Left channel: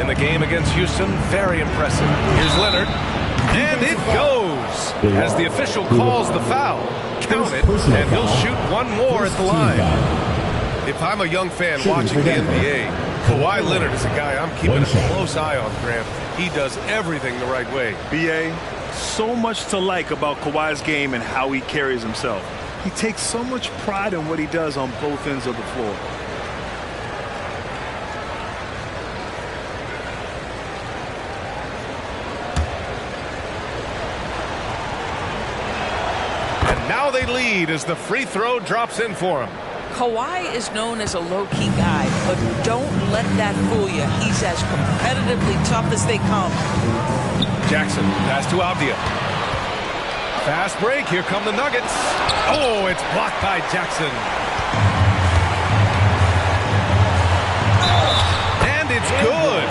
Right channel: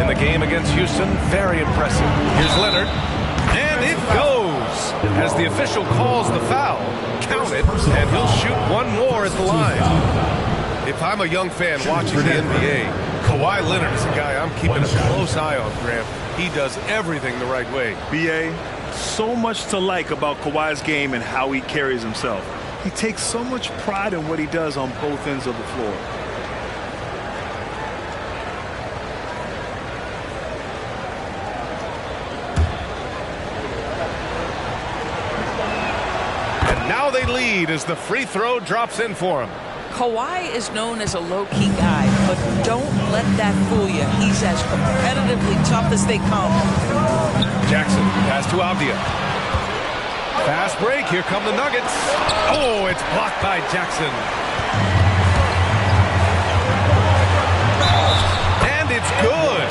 in the game against Houston. Very impressive. Here's Leonard. And it goes. As the official calls the foul, count it, and he'll shoot one more at the line. If I'm a young fan watching the NBA, Kawhi Leonard is a guy I'm keeping a close eye on, Grant. He does everything the right way. B.A., so much to like about Kawhi's game and how he carries himself. He takes so much pride in what he does on both ends of the floor. And now they lead as the free throw drops in for him. Kawhi is known as a low-key guy, but don't let that fool you. He's as competitively tough as they come. Jackson, pass to Avdia. Fast break, here come the Nuggets. Oh, it's blocked by Jackson. And it's good.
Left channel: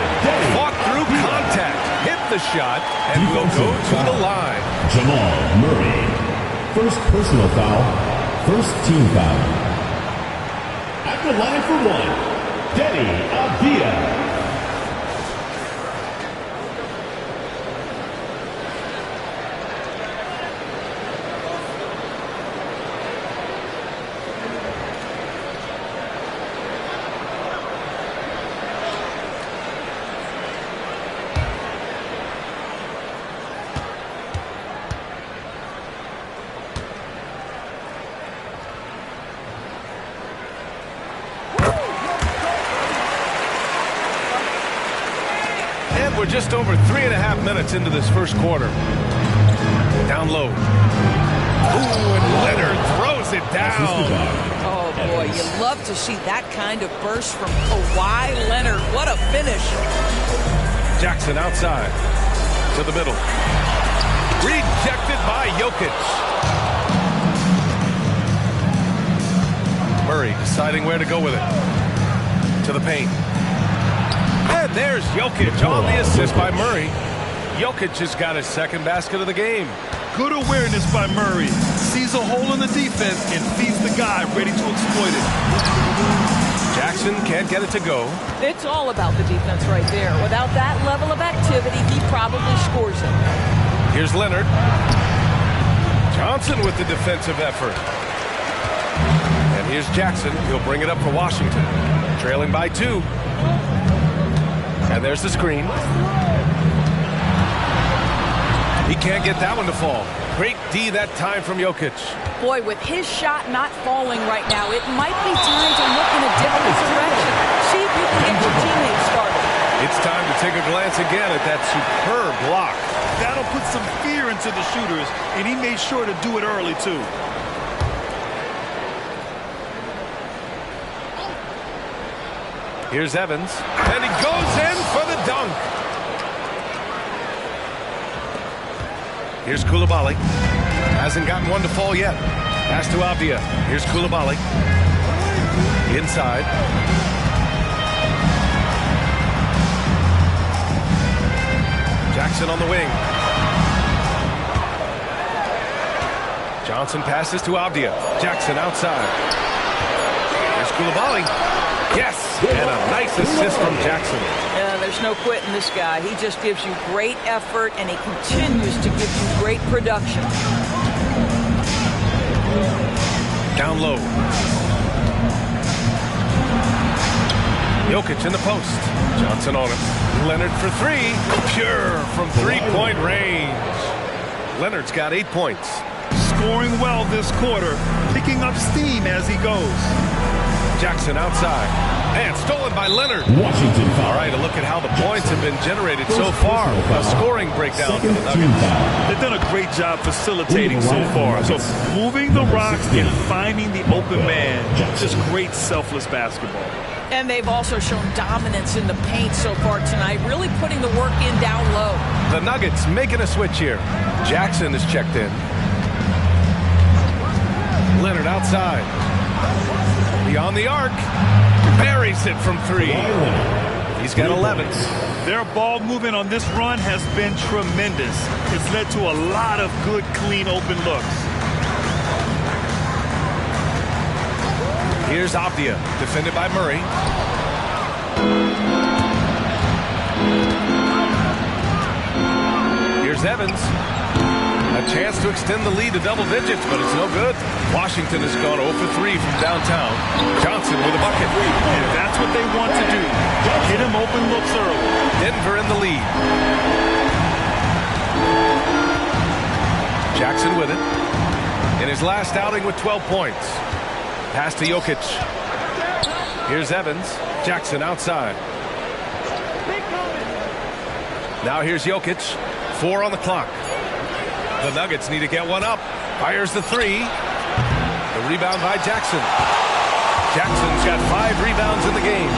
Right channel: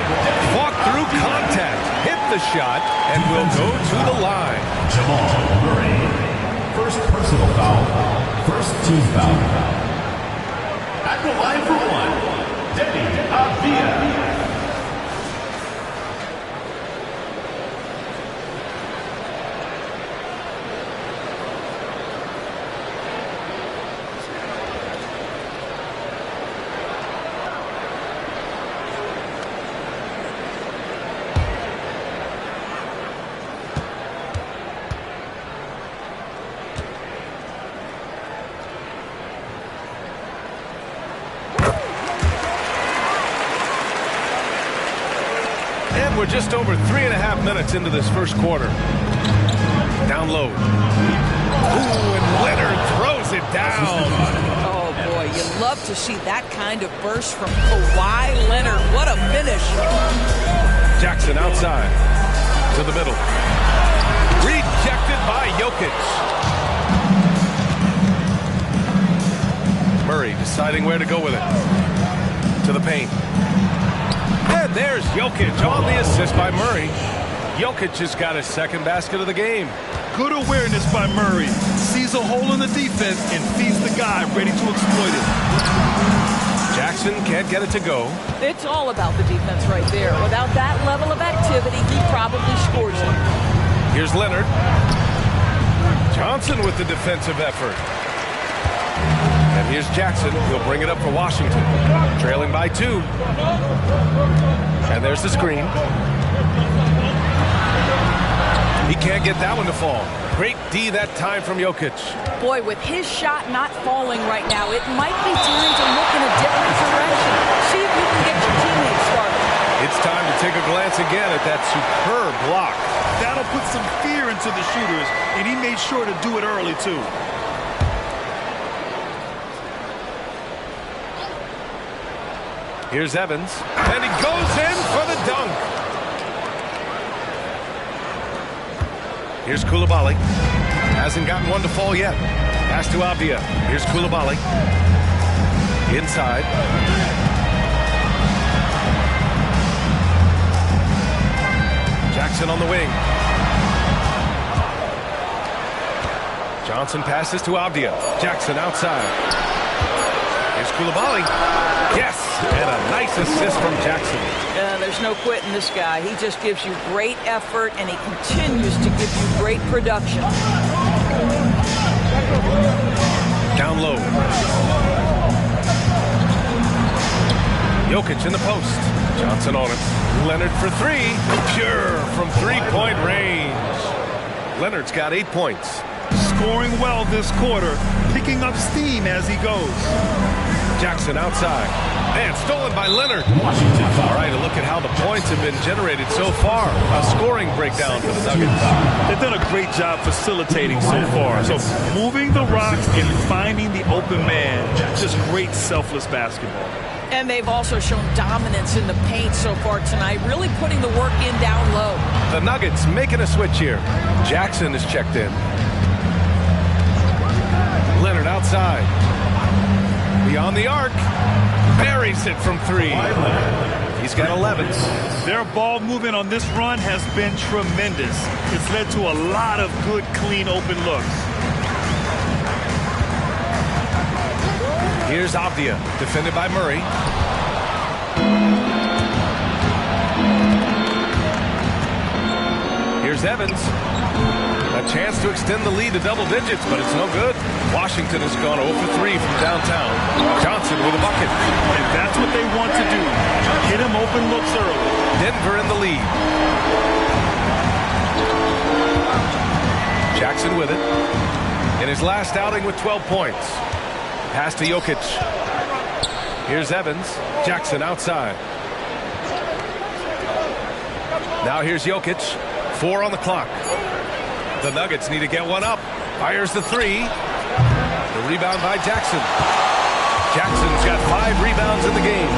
Fought through contact, hit the shot, and will go to the line. Jamal Murray. First personal foul, first team foul. At the line for one, Deni Avdia. We're just over 3.5 minutes into this first quarter. Down low. Ooh, and Leonard throws it down. Oh, boy, you love to see that kind of burst from Kawhi Leonard. What a finish. Jackson outside to the middle. Rejected by Jokic. Murray deciding where to go with it. To the paint. And there's Jokic on the assist by Murray. Jokic has got his second basket of the game. Good awareness by Murray. Sees a hole in the defense and feeds the guy ready to exploit it. Jackson can't get it to go. It's all about the defense right there. Without that level of activity, he probably scores it. Here's Leonard. Johnson with the defensive effort. And here's Jackson. He'll bring it up for Washington. Trailing by 2. And there's the screen. He can't get that one to fall. Great D that time from Jokic. Boy, with his shot not falling right now, it might be time to look in a different direction. See if you can get your teammates started. It's time to take a glance again at that superb block. That'll put some fear into the shooters, and he made sure to do it early, too. Here's Evans, and he goes in for the dunk. Here's Coulibaly. Hasn't gotten one to fall yet. Pass to Avdia. Here's Coulibaly. Inside. Jackson on the wing. Johnson passes to Avdia. Jackson outside. Here's Coulibaly. Yes, and a nice assist from Jackson. There's no quitting this guy. He just gives you great effort, and he continues to give you great production. Down low. Jokic in the post. Johnson on him. Leonard for 3. Pure from three-point range. Leonard's got 8 points. Scoring well this quarter, picking up steam as he goes. Jackson outside. And stolen by Leonard. Washington foul. All right, a look at how the points have been generated so far. A scoring breakdown for the Nuggets. They've done a great job facilitating so far. So moving the rock and finding the open man. Just great selfless basketball. And they've also shown dominance in the paint so far tonight, really putting the work in down low. The Nuggets making a switch here. Jackson is checked in. Leonard outside. Beyond the arc. Buries it from 3. He's got 11. Their ball movement on this run has been tremendous. It's led to a lot of good, clean, open looks. Here's Avdia, defended by Murray. Here's Evans. A chance to extend the lead to double digits, but it's no good. Washington has gone 0 for 3 from downtown. Johnson with a bucket. And that's what they want to do. Hit him open looks early. Denver in the lead. Jackson with it. In his last outing with 12 points. Pass to Jokic. Here's Evans. Jackson outside. Now here's Jokic. 4 on the clock. The Nuggets need to get one up. Fires the 3. The rebound by Jackson. Jackson's got 5 rebounds in the game.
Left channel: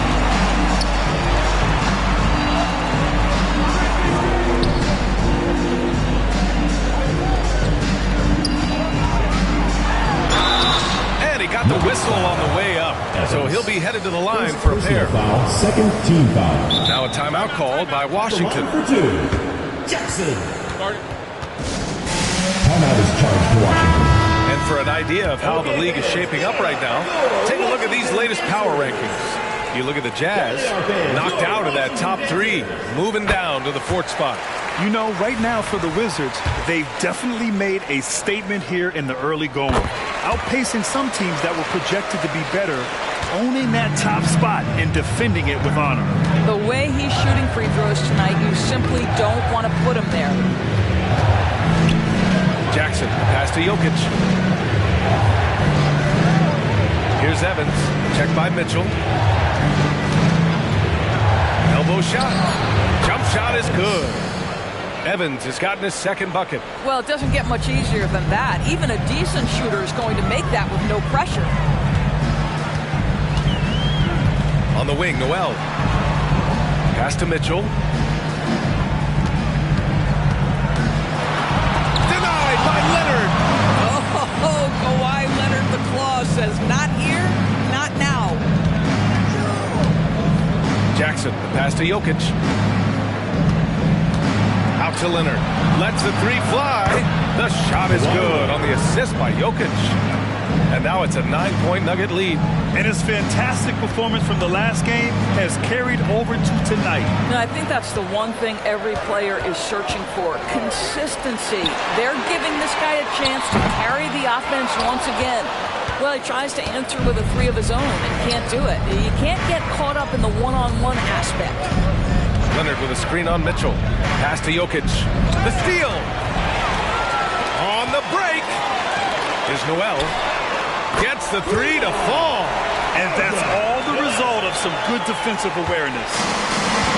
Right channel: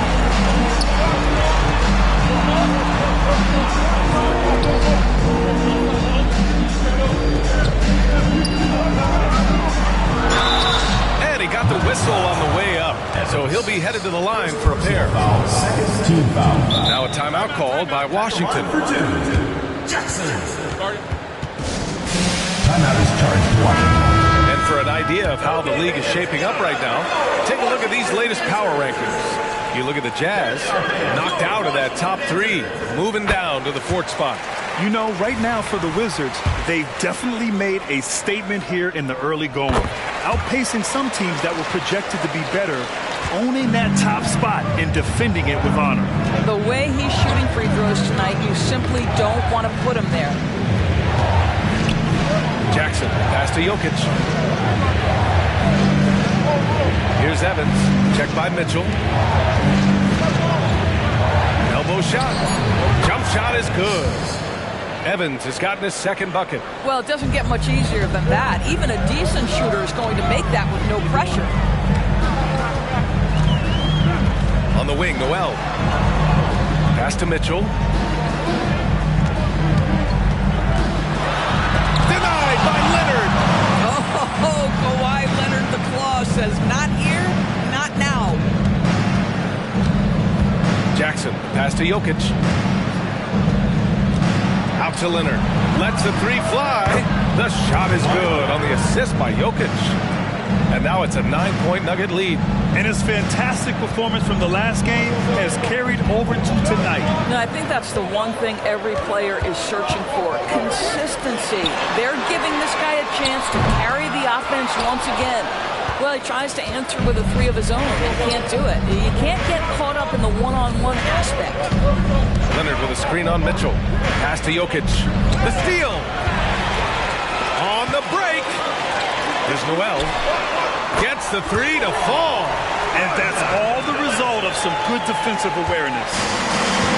And he got the whistle on the way up. So he'll be headed to the line for a pair. Foul, second team foul. Now a timeout called by Washington. For 2. Jackson. Timeout is charged to Washington. And for an idea of how the league is shaping up right now, take a look at these latest power rankings. You look at the Jazz, knocked out of that top 3, moving down to the 4th spot. You know, right now for the Wizards, they've definitely made a statement here in the early going, outpacing some teams that were projected to be better, owning that top spot and defending it with honor. The way he's shooting free throws tonight, you simply don't want to put him there. Jackson, pass to Jokic. Here's Evans, checked by Mitchell. Elbow shot. Jump shot is good. Evans has gotten his 2nd bucket. Well, it doesn't get much easier than that. Even a decent shooter is going to make that with no pressure. On the wing, Noel. Pass to Mitchell. Denied by Leonard. Oh, Kawhi Leonard, the claw says, not here, not now. Jackson, the pass to Jokic. Out to Leonard. Lets the 3 fly. The shot is good on the assist by Jokic. And now it's a 9-point Nugget lead. And his fantastic performance from the last game has carried over to tonight. No, I think that's the one thing every player is searching for. Consistency. They're giving this guy a chance to carry the offense once again. Well, he tries to answer with a 3 of his own and can't do it. You can't get caught up in the one-on-one aspect. Leonard with a screen on Mitchell. Pass to Jokic. The steal. On the break. Here's Noel. Gets the 3 to fall. And that's all the result of some good defensive awareness.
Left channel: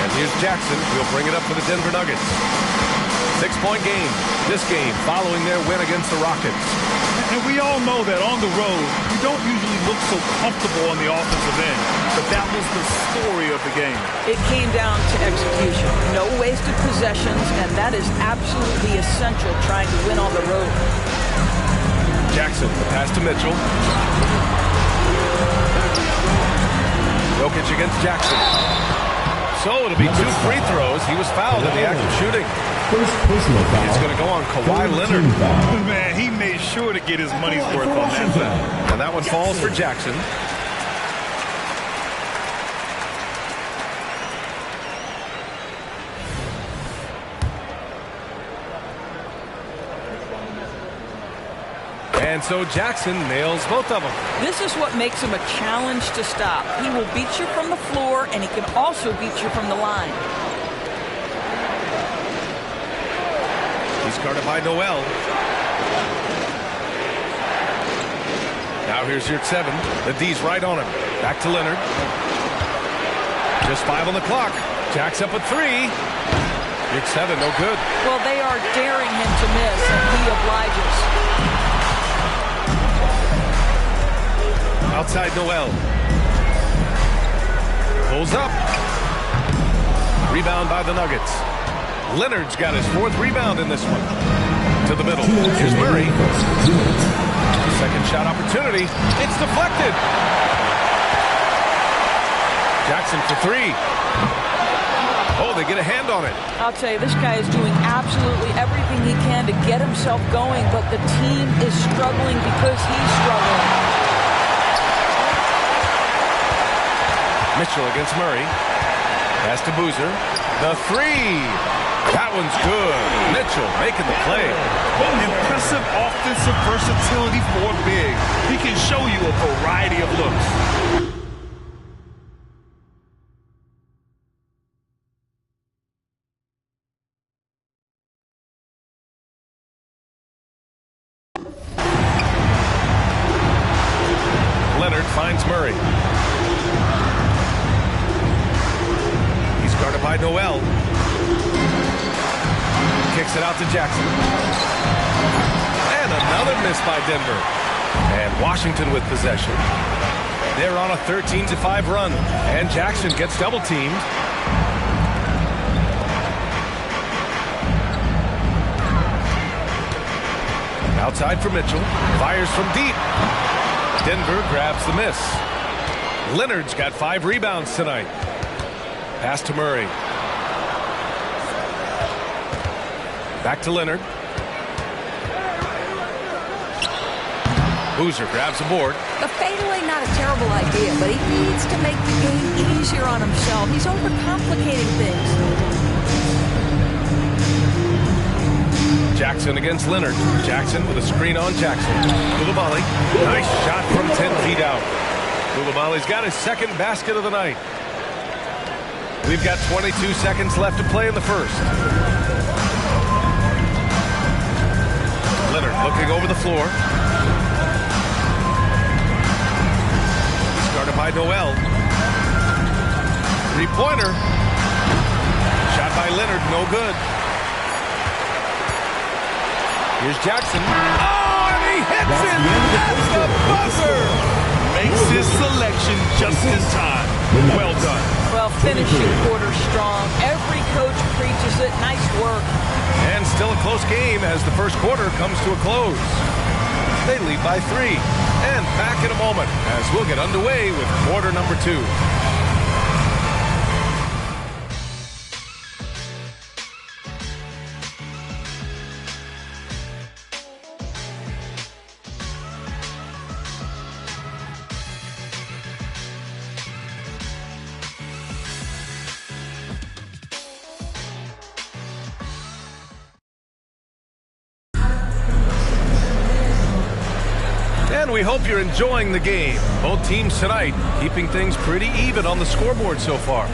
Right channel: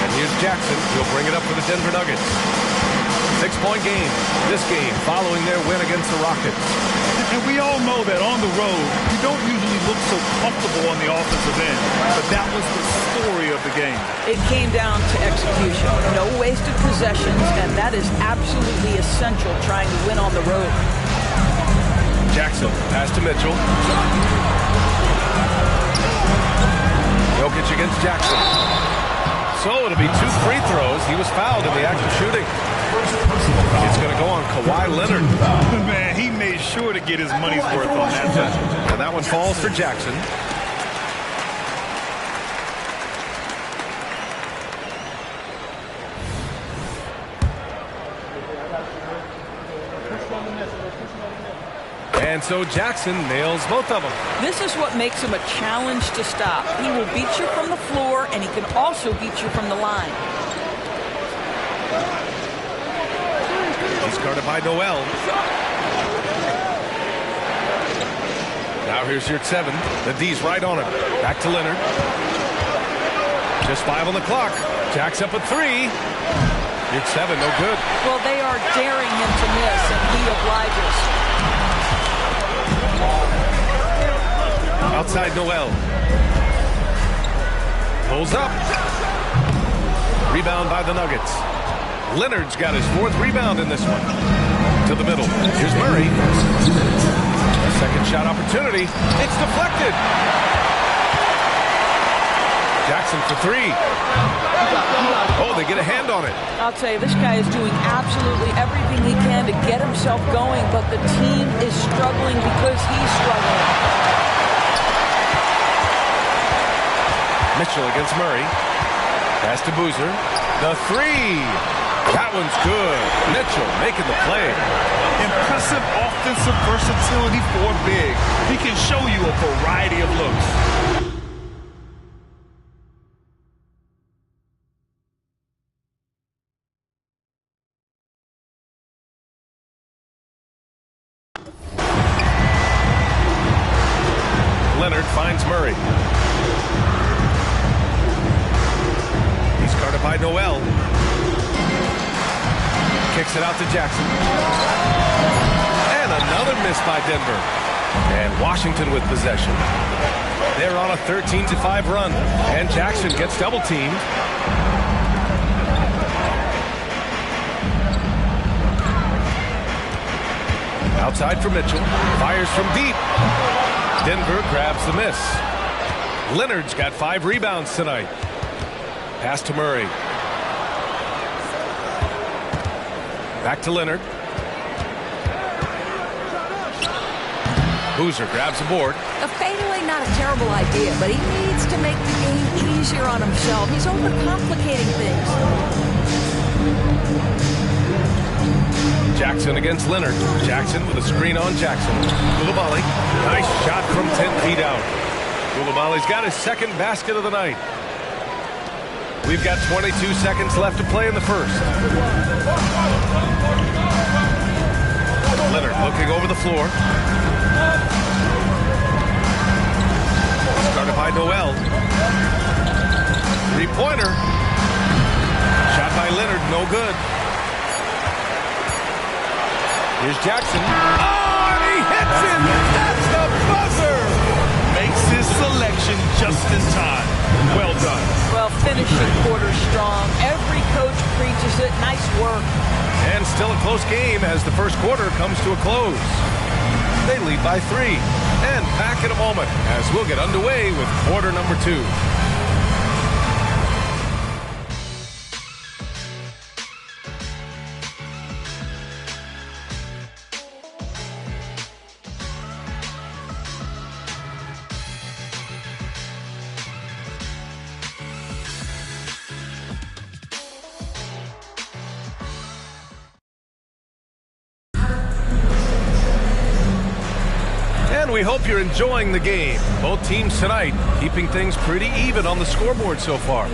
And here's Jackson. He'll bring it up for the Denver Nuggets. 6-point game. This game following their win against the Rockets. And we all know that on the road, you don't usually look so comfortable on the offensive end. But that was the story of the game. It came down to execution. No wasted possessions, and that is absolutely essential trying to win on the road. Jackson, the pass to Mitchell. Jokic against Jackson. So it'll be 2 free throws. He was fouled in the act of shooting. First personal foul. It's going to go on Kawhi Leonard. Man, he made sure to get his money's worth on that foul. And that one falls for Jackson. And so Jackson nails both of them. This is what makes him a challenge to stop. He will beat you from the floor, and he can also beat you from the line. He's guarded by Noel. Now here's your 7. The D's right on him. Back to Leonard. Just 5 on the clock. Jack's up at 3. Your 7, no good. Well, they are daring him to miss, and he obliges. Outside Noel. Pulls up. Rebound by the Nuggets. Leonard's got his 4th rebound in this one. To the middle. Here's Murray. Second shot opportunity. It's deflected. Jackson for 3. Oh, they get a hand on it. I'll tell you, this guy is doing absolutely everything he can to get himself going, but the team is struggling because he's struggling. Mitchell against Murray. Pass to Boozer. The 3. That one's good. Mitchell making the play. Impressive offensive versatility for big. He can show you a variety of looks. Leonard finds Murray. He's guarded by Noel. Kicks it out to Jackson. And another miss by Denver. And Washington with possession. They're on a 13-5 run. And Jackson gets double teamed. Outside for Mitchell. Fires from deep. Denver grabs the miss. Leonard's got 5 rebounds tonight. Pass to Murray. Back to Leonard. Boozer grabs the board. A fadeaway, not a terrible idea, but he needs to make the game easier on himself. He's overcomplicating things. Jackson against Leonard. Jackson with a screen on Jackson. Coulibaly. Nice shot from 10 feet out. Coulibaly's got his second basket of the night. We've got 22 seconds left to play in the first. Leonard looking over the floor. Started by Noel. Three-pointer. Shot by Leonard, no good. Here's Jackson. Oh, and he hits it at the buzzer. Makes his selection just in time. Well done. Well, finishing quarter strong. Every coach preaches it. Nice work. And still a close game as the first quarter comes to a close. They lead by 3. And back in a moment as we'll get underway with quarter number 2. And we hope you're enjoying the game. Both teams tonight keeping things pretty even on the scoreboard so far.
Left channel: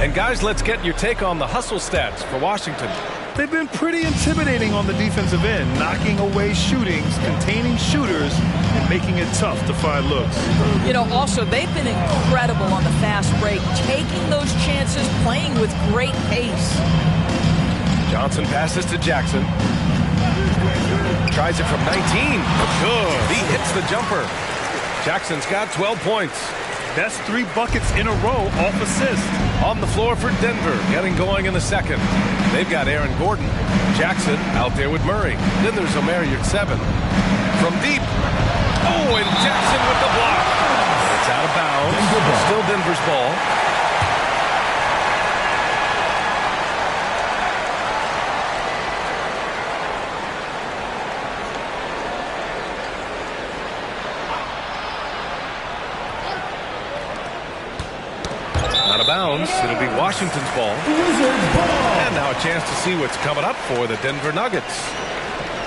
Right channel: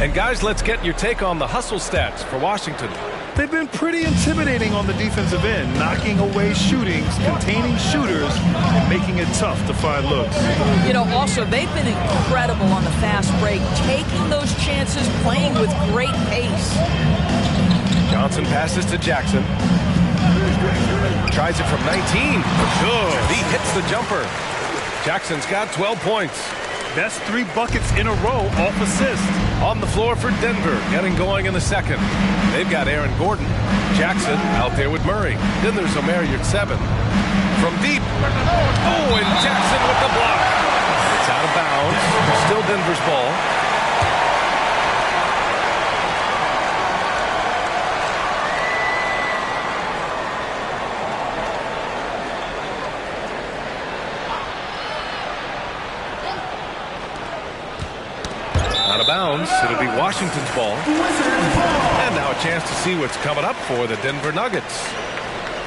And guys, let's get your take on the hustle stats for Washington. They've been pretty intimidating on the defensive end, knocking away shootings, containing shooters, and making it tough to find looks. You know, also, they've been incredible on the fast break, taking those chances, playing with great pace. Johnson passes to Jackson. Tries it from 19. Good. He hits the jumper. Jackson's got 12 points. That's 3 buckets in a row off assist. On the floor for Denver, getting going in the second. They've got Aaron Gordon. Jackson out there with Murray. Then there's Omer Yurtseven. From deep. Oh, and Jackson with the block. It's out of bounds. Still Denver's ball. Out of bounds. It'll be Washington's ball. And now a chance to see what's coming up for the Denver Nuggets.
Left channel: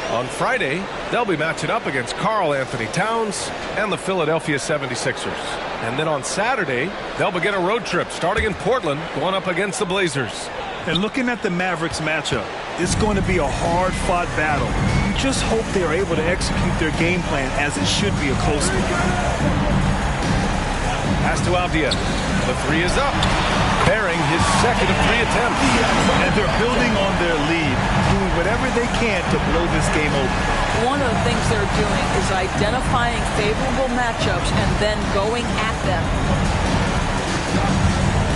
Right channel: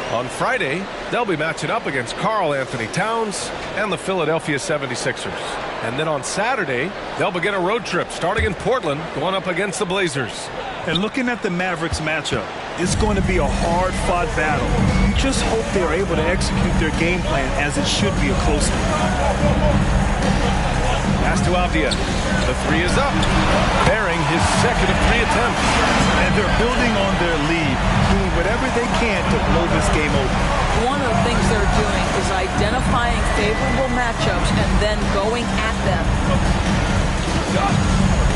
On Friday, they'll be matching up against Karl Anthony Towns and the Philadelphia 76ers. And then on Saturday, they'll begin a road trip starting in Portland, going up against the Blazers. And looking at the Mavericks matchup, it's going to be a hard-fought battle. You just hope they're able to execute their game plan as it should be a close one. Pass to Avdia. The 3 is up, bearing his second of 3 attempts. And they're building on their lead, doing whatever they can to blow this game open. One of the things they're doing is identifying favorable matchups and then going at them.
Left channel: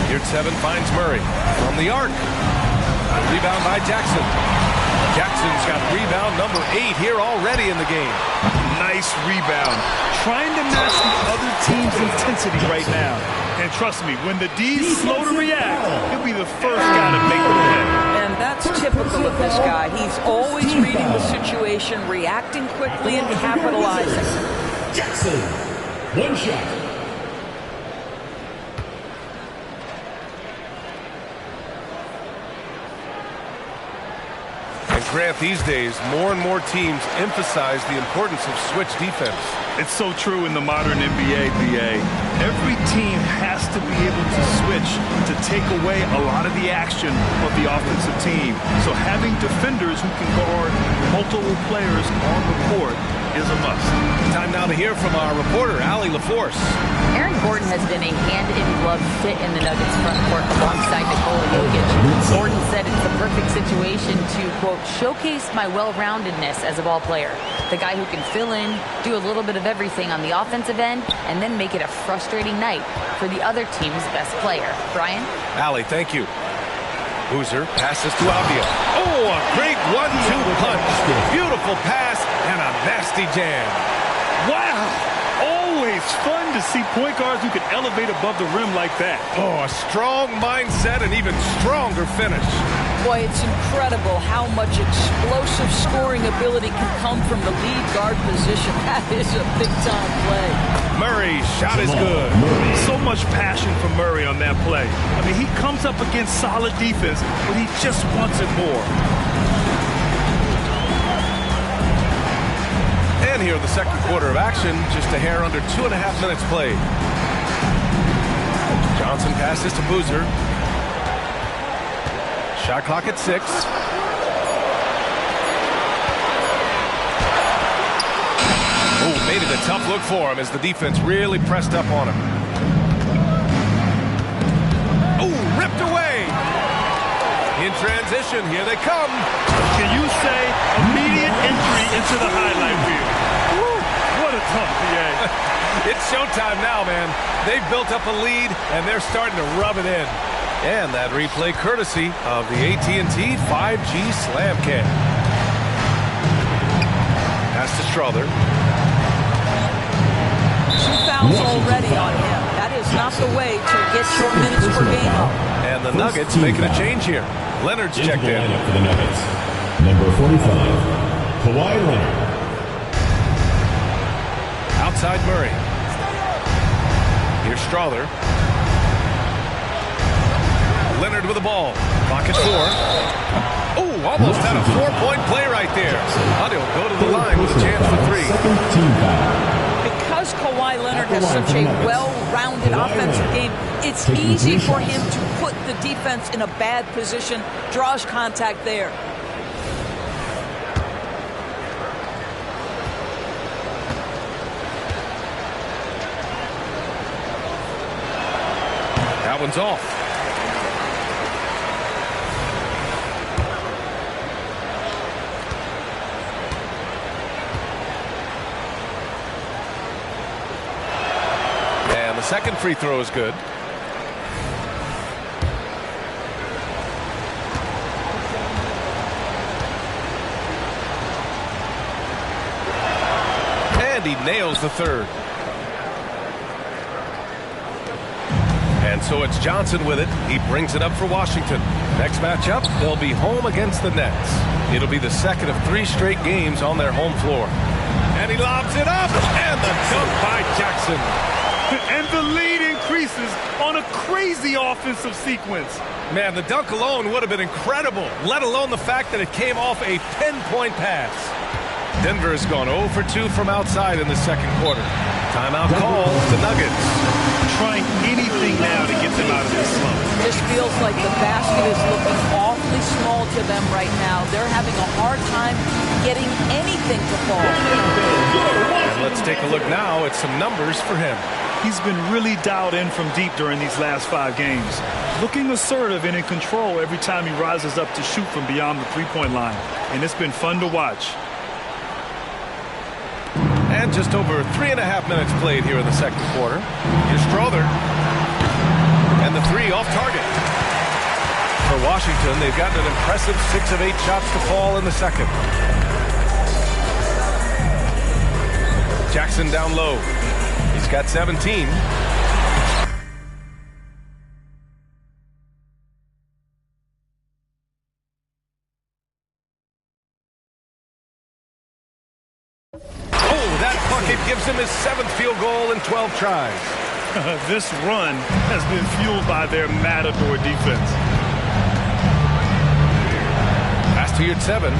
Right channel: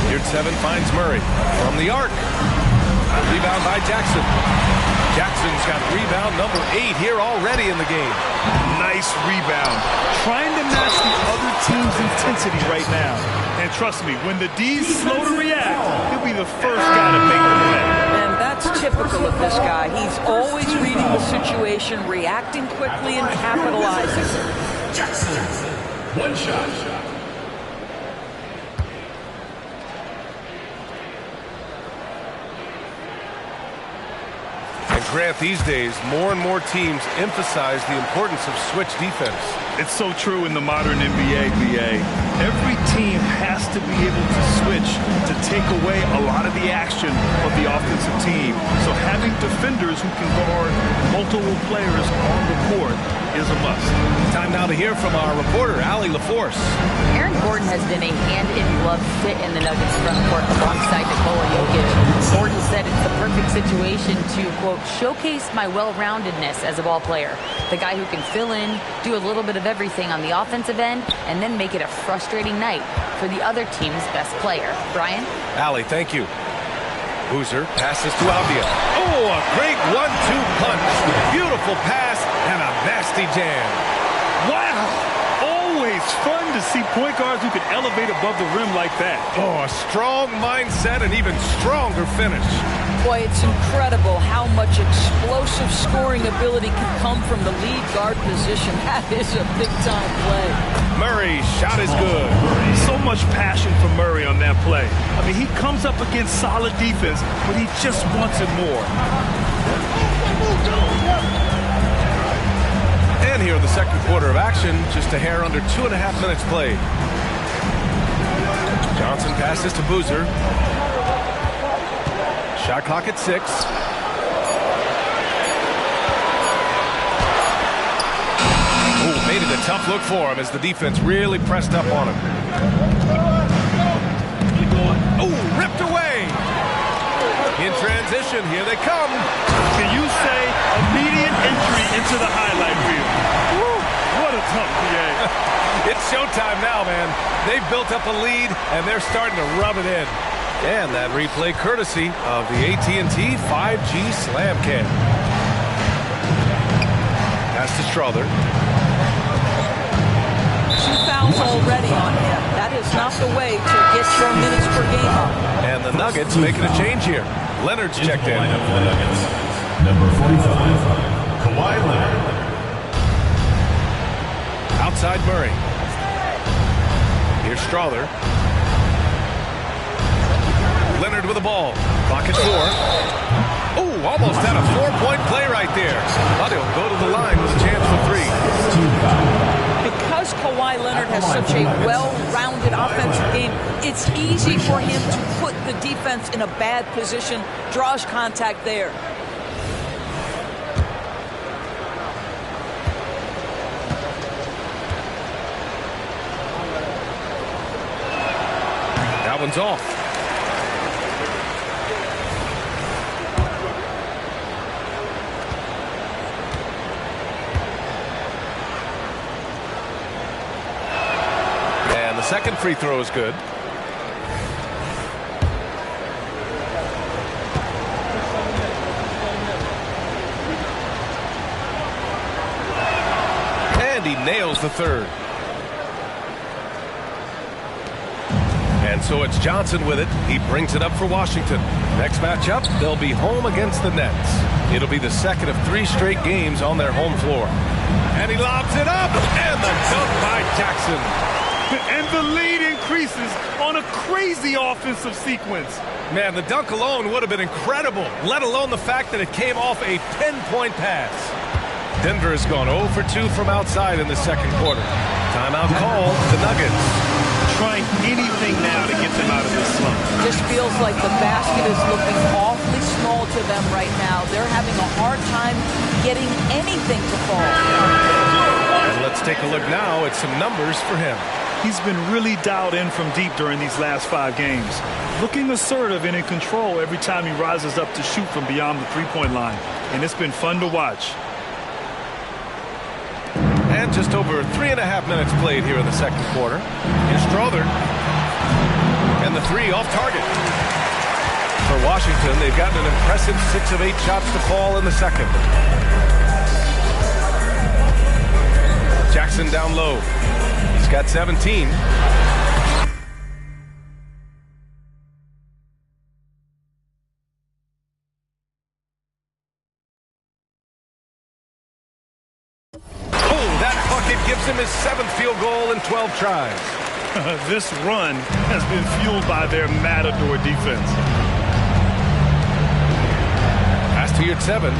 Yurtseven finds Murray from the arc. Rebound by Jackson. Jackson's got rebound number 8 here already in the game. Nice rebound. Trying to match the other team's intensity right now. And trust me, when the D's slow to react, he'll be the first guy to make them pay. And that's typical of this guy. He's always reading the situation, reacting quickly, and capitalizing. Jackson, one shot. Grant, these days, more and more teams emphasize the importance of switch defense. It's so true in the modern NBA, BA. Every team has to be able to switch to take away a lot of the action of the offensive team. So having defenders who can guard multiple players on the court is a must. Time now to hear from our reporter, Allie LaForce. Aaron Gordon has been a hand-in-glove fit in the Nuggets front court alongside Nikola Jokic. Gordon said it's the perfect situation to, quote, showcase my well-roundedness as a ball player. The guy who can fill in, do a little bit of everything on the offensive end, and then make it a frustrating night for the other team's best player. Brian? Allie, thank you. Boozer passes to Avdia. Oh, a great 1-2 punch. Beautiful pass and a nasty jam. Wow! Always fun to see point guards who can elevate above the rim like that. Oh, a strong mindset and even stronger finish. Boy, it's incredible how much explosive scoring ability can come from the lead guard position. That is a big-time play. Murray's shot is good. So much passion from Murray on that play. I mean, he comes up against solid defense, but he just wants it more. And here in the second quarter of action, just a hair under 2.5 minutes played. Johnson passes to Boozer. Shot clock at 6. Oh, made it a tough look for him as the defense really pressed up on him. Oh, ripped away. In transition, here they come. Can you say immediate entry into the highlight reel? Woo, what a tough PA. It's showtime now, man. They've built up a lead, and they're starting to rub it in. And that replay courtesy of the AT&T 5G Slam Cam. Pass to Strother. 2 fouls already on him. That is not the way to get your minutes per game up. And the Nuggets making a change here. Leonard's checked in. Lineup for the Nuggets. Number 45, Kawhi Leonard. Outside Murray. Here's Strother. Leonard with the ball. Clock at 4. Oh, almost had a 4-point play right there. But he'll go to the line with a chance for 3. Because Kawhi Leonard has such a well-rounded offensive game, it's easy for him to put the defense in a bad position, draws contact there. That one's off. And the second free throw is good. And he nails the third. And so it's Johnson with it. He brings it up for Washington. Next matchup, they'll be home against the Nets. It'll be the second of 3 straight games on their home floor. And he lobs it up, and the dunk by Jackson. And the lead increases on a crazy offensive sequence. Man, the dunk alone would have been incredible, let alone the fact that it came off a pinpoint pass. Denver has gone 0 for 2 from outside in the second quarter. Timeout call, the Nuggets. Trying anything now to get them out of this slump. Just feels like the basket is looking awfully small to them right now. They're having a hard time getting anything to fall. And let's take a look now at some numbers for him. He's been really dialed in from deep during these last 5 games. Looking assertive and in control every time he rises up to shoot from beyond the three-point line. And it's been fun to watch. And just over 3.5 minutes played here in the second quarter. Here's Strother. And the 3 off target. For Washington, they've gotten an impressive 6 of 8 shots to fall in the second. Jackson down low. He's got 17. Oh, that bucket gives him his 7th field goal in 12 tries. This run has been fueled by their Matador defense. Pass to Yurtseven.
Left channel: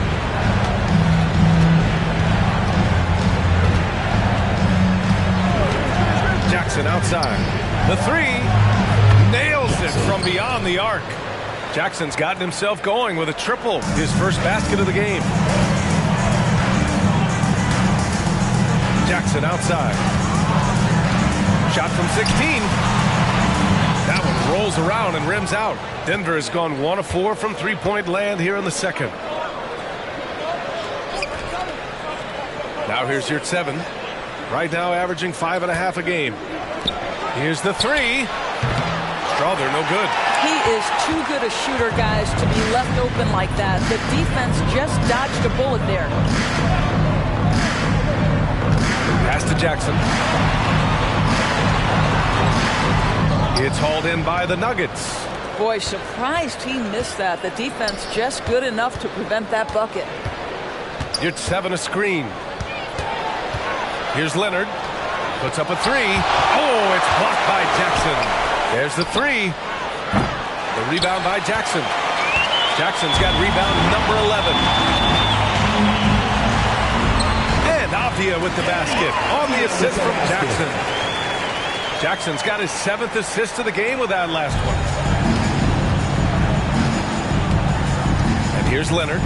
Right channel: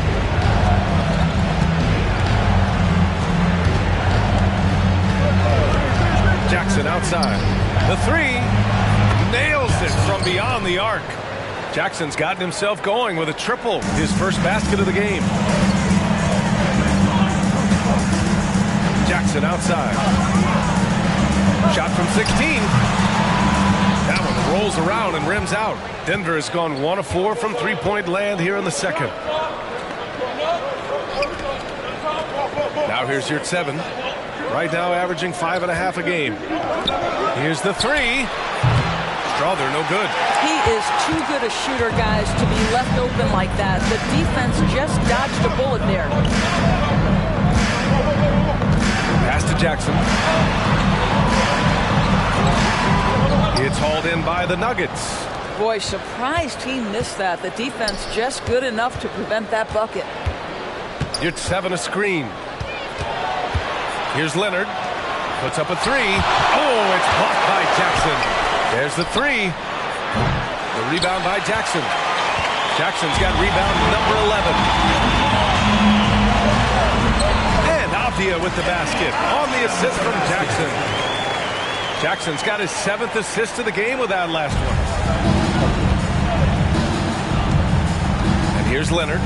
Jackson outside. The 3 nails it from beyond the arc. Jackson's gotten himself going with a triple, his first basket of the game. Jackson outside. Shot from 16. That one rolls around and rims out. Denver has gone 1 of 4 from three-point land here in the second. Now here's Yurtseven. Right now averaging 5.5 a game. Here's the 3. Strawther, no good. He is too good a shooter, guys, to be left open like that. The defense just dodged a bullet there. Pass to Jackson. It's hauled in by the Nuggets. Boy, surprised he missed that. The defense just good enough to prevent that bucket. Yurtseven a screen. Here's Leonard. Puts up a 3. Oh, it's blocked by Jackson. There's the 3. The rebound by Jackson. Jackson's got rebound number 11. And Avdia with the basket on the assist from Jackson. Jackson's got his 7th assist of the game with that last one. And here's Leonard.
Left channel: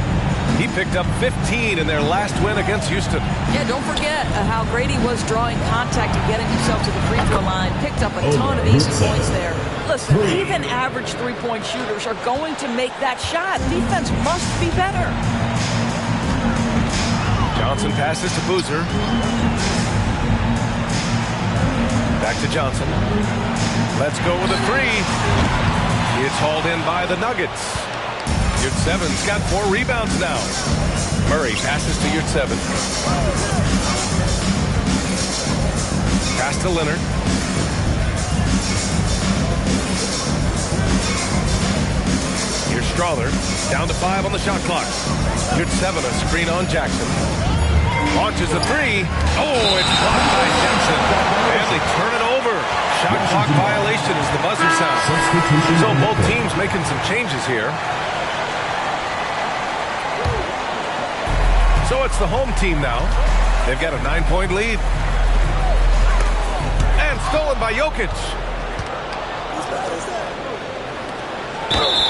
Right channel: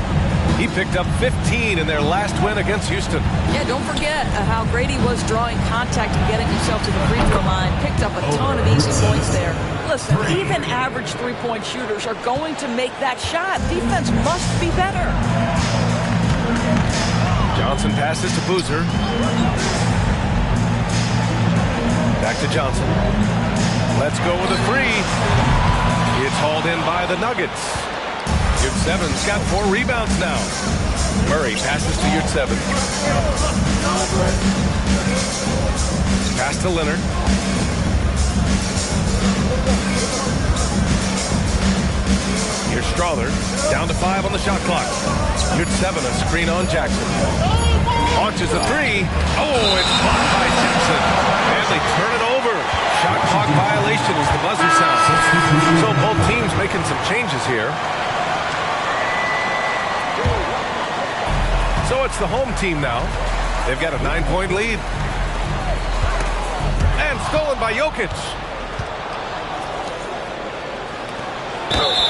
He picked up 15 in their last win against Houston. Yeah, don't forget how great he was drawing contact and getting himself to the free throw line. Picked up a ton of easy points there. Listen, even average three-point shooters are going to make that shot. Defense must be better. Johnson passes to Boozer. Back to Johnson. Let's go with a 3. It's hauled in by the Nuggets. Yurtseven's got 4 rebounds now. Murray passes to Yurtseven. Pass to Leonard. Here's Strawther. Down to 5 on the shot clock. Yurtseven a screen on Jackson. Launches a 3. Oh, it's blocked by Jackson. And they turn it over. Shot clock violation as the buzzer sounds. So both teams making some changes here. So it's the home team now. They've got a 9-point lead. And stolen by Jokic.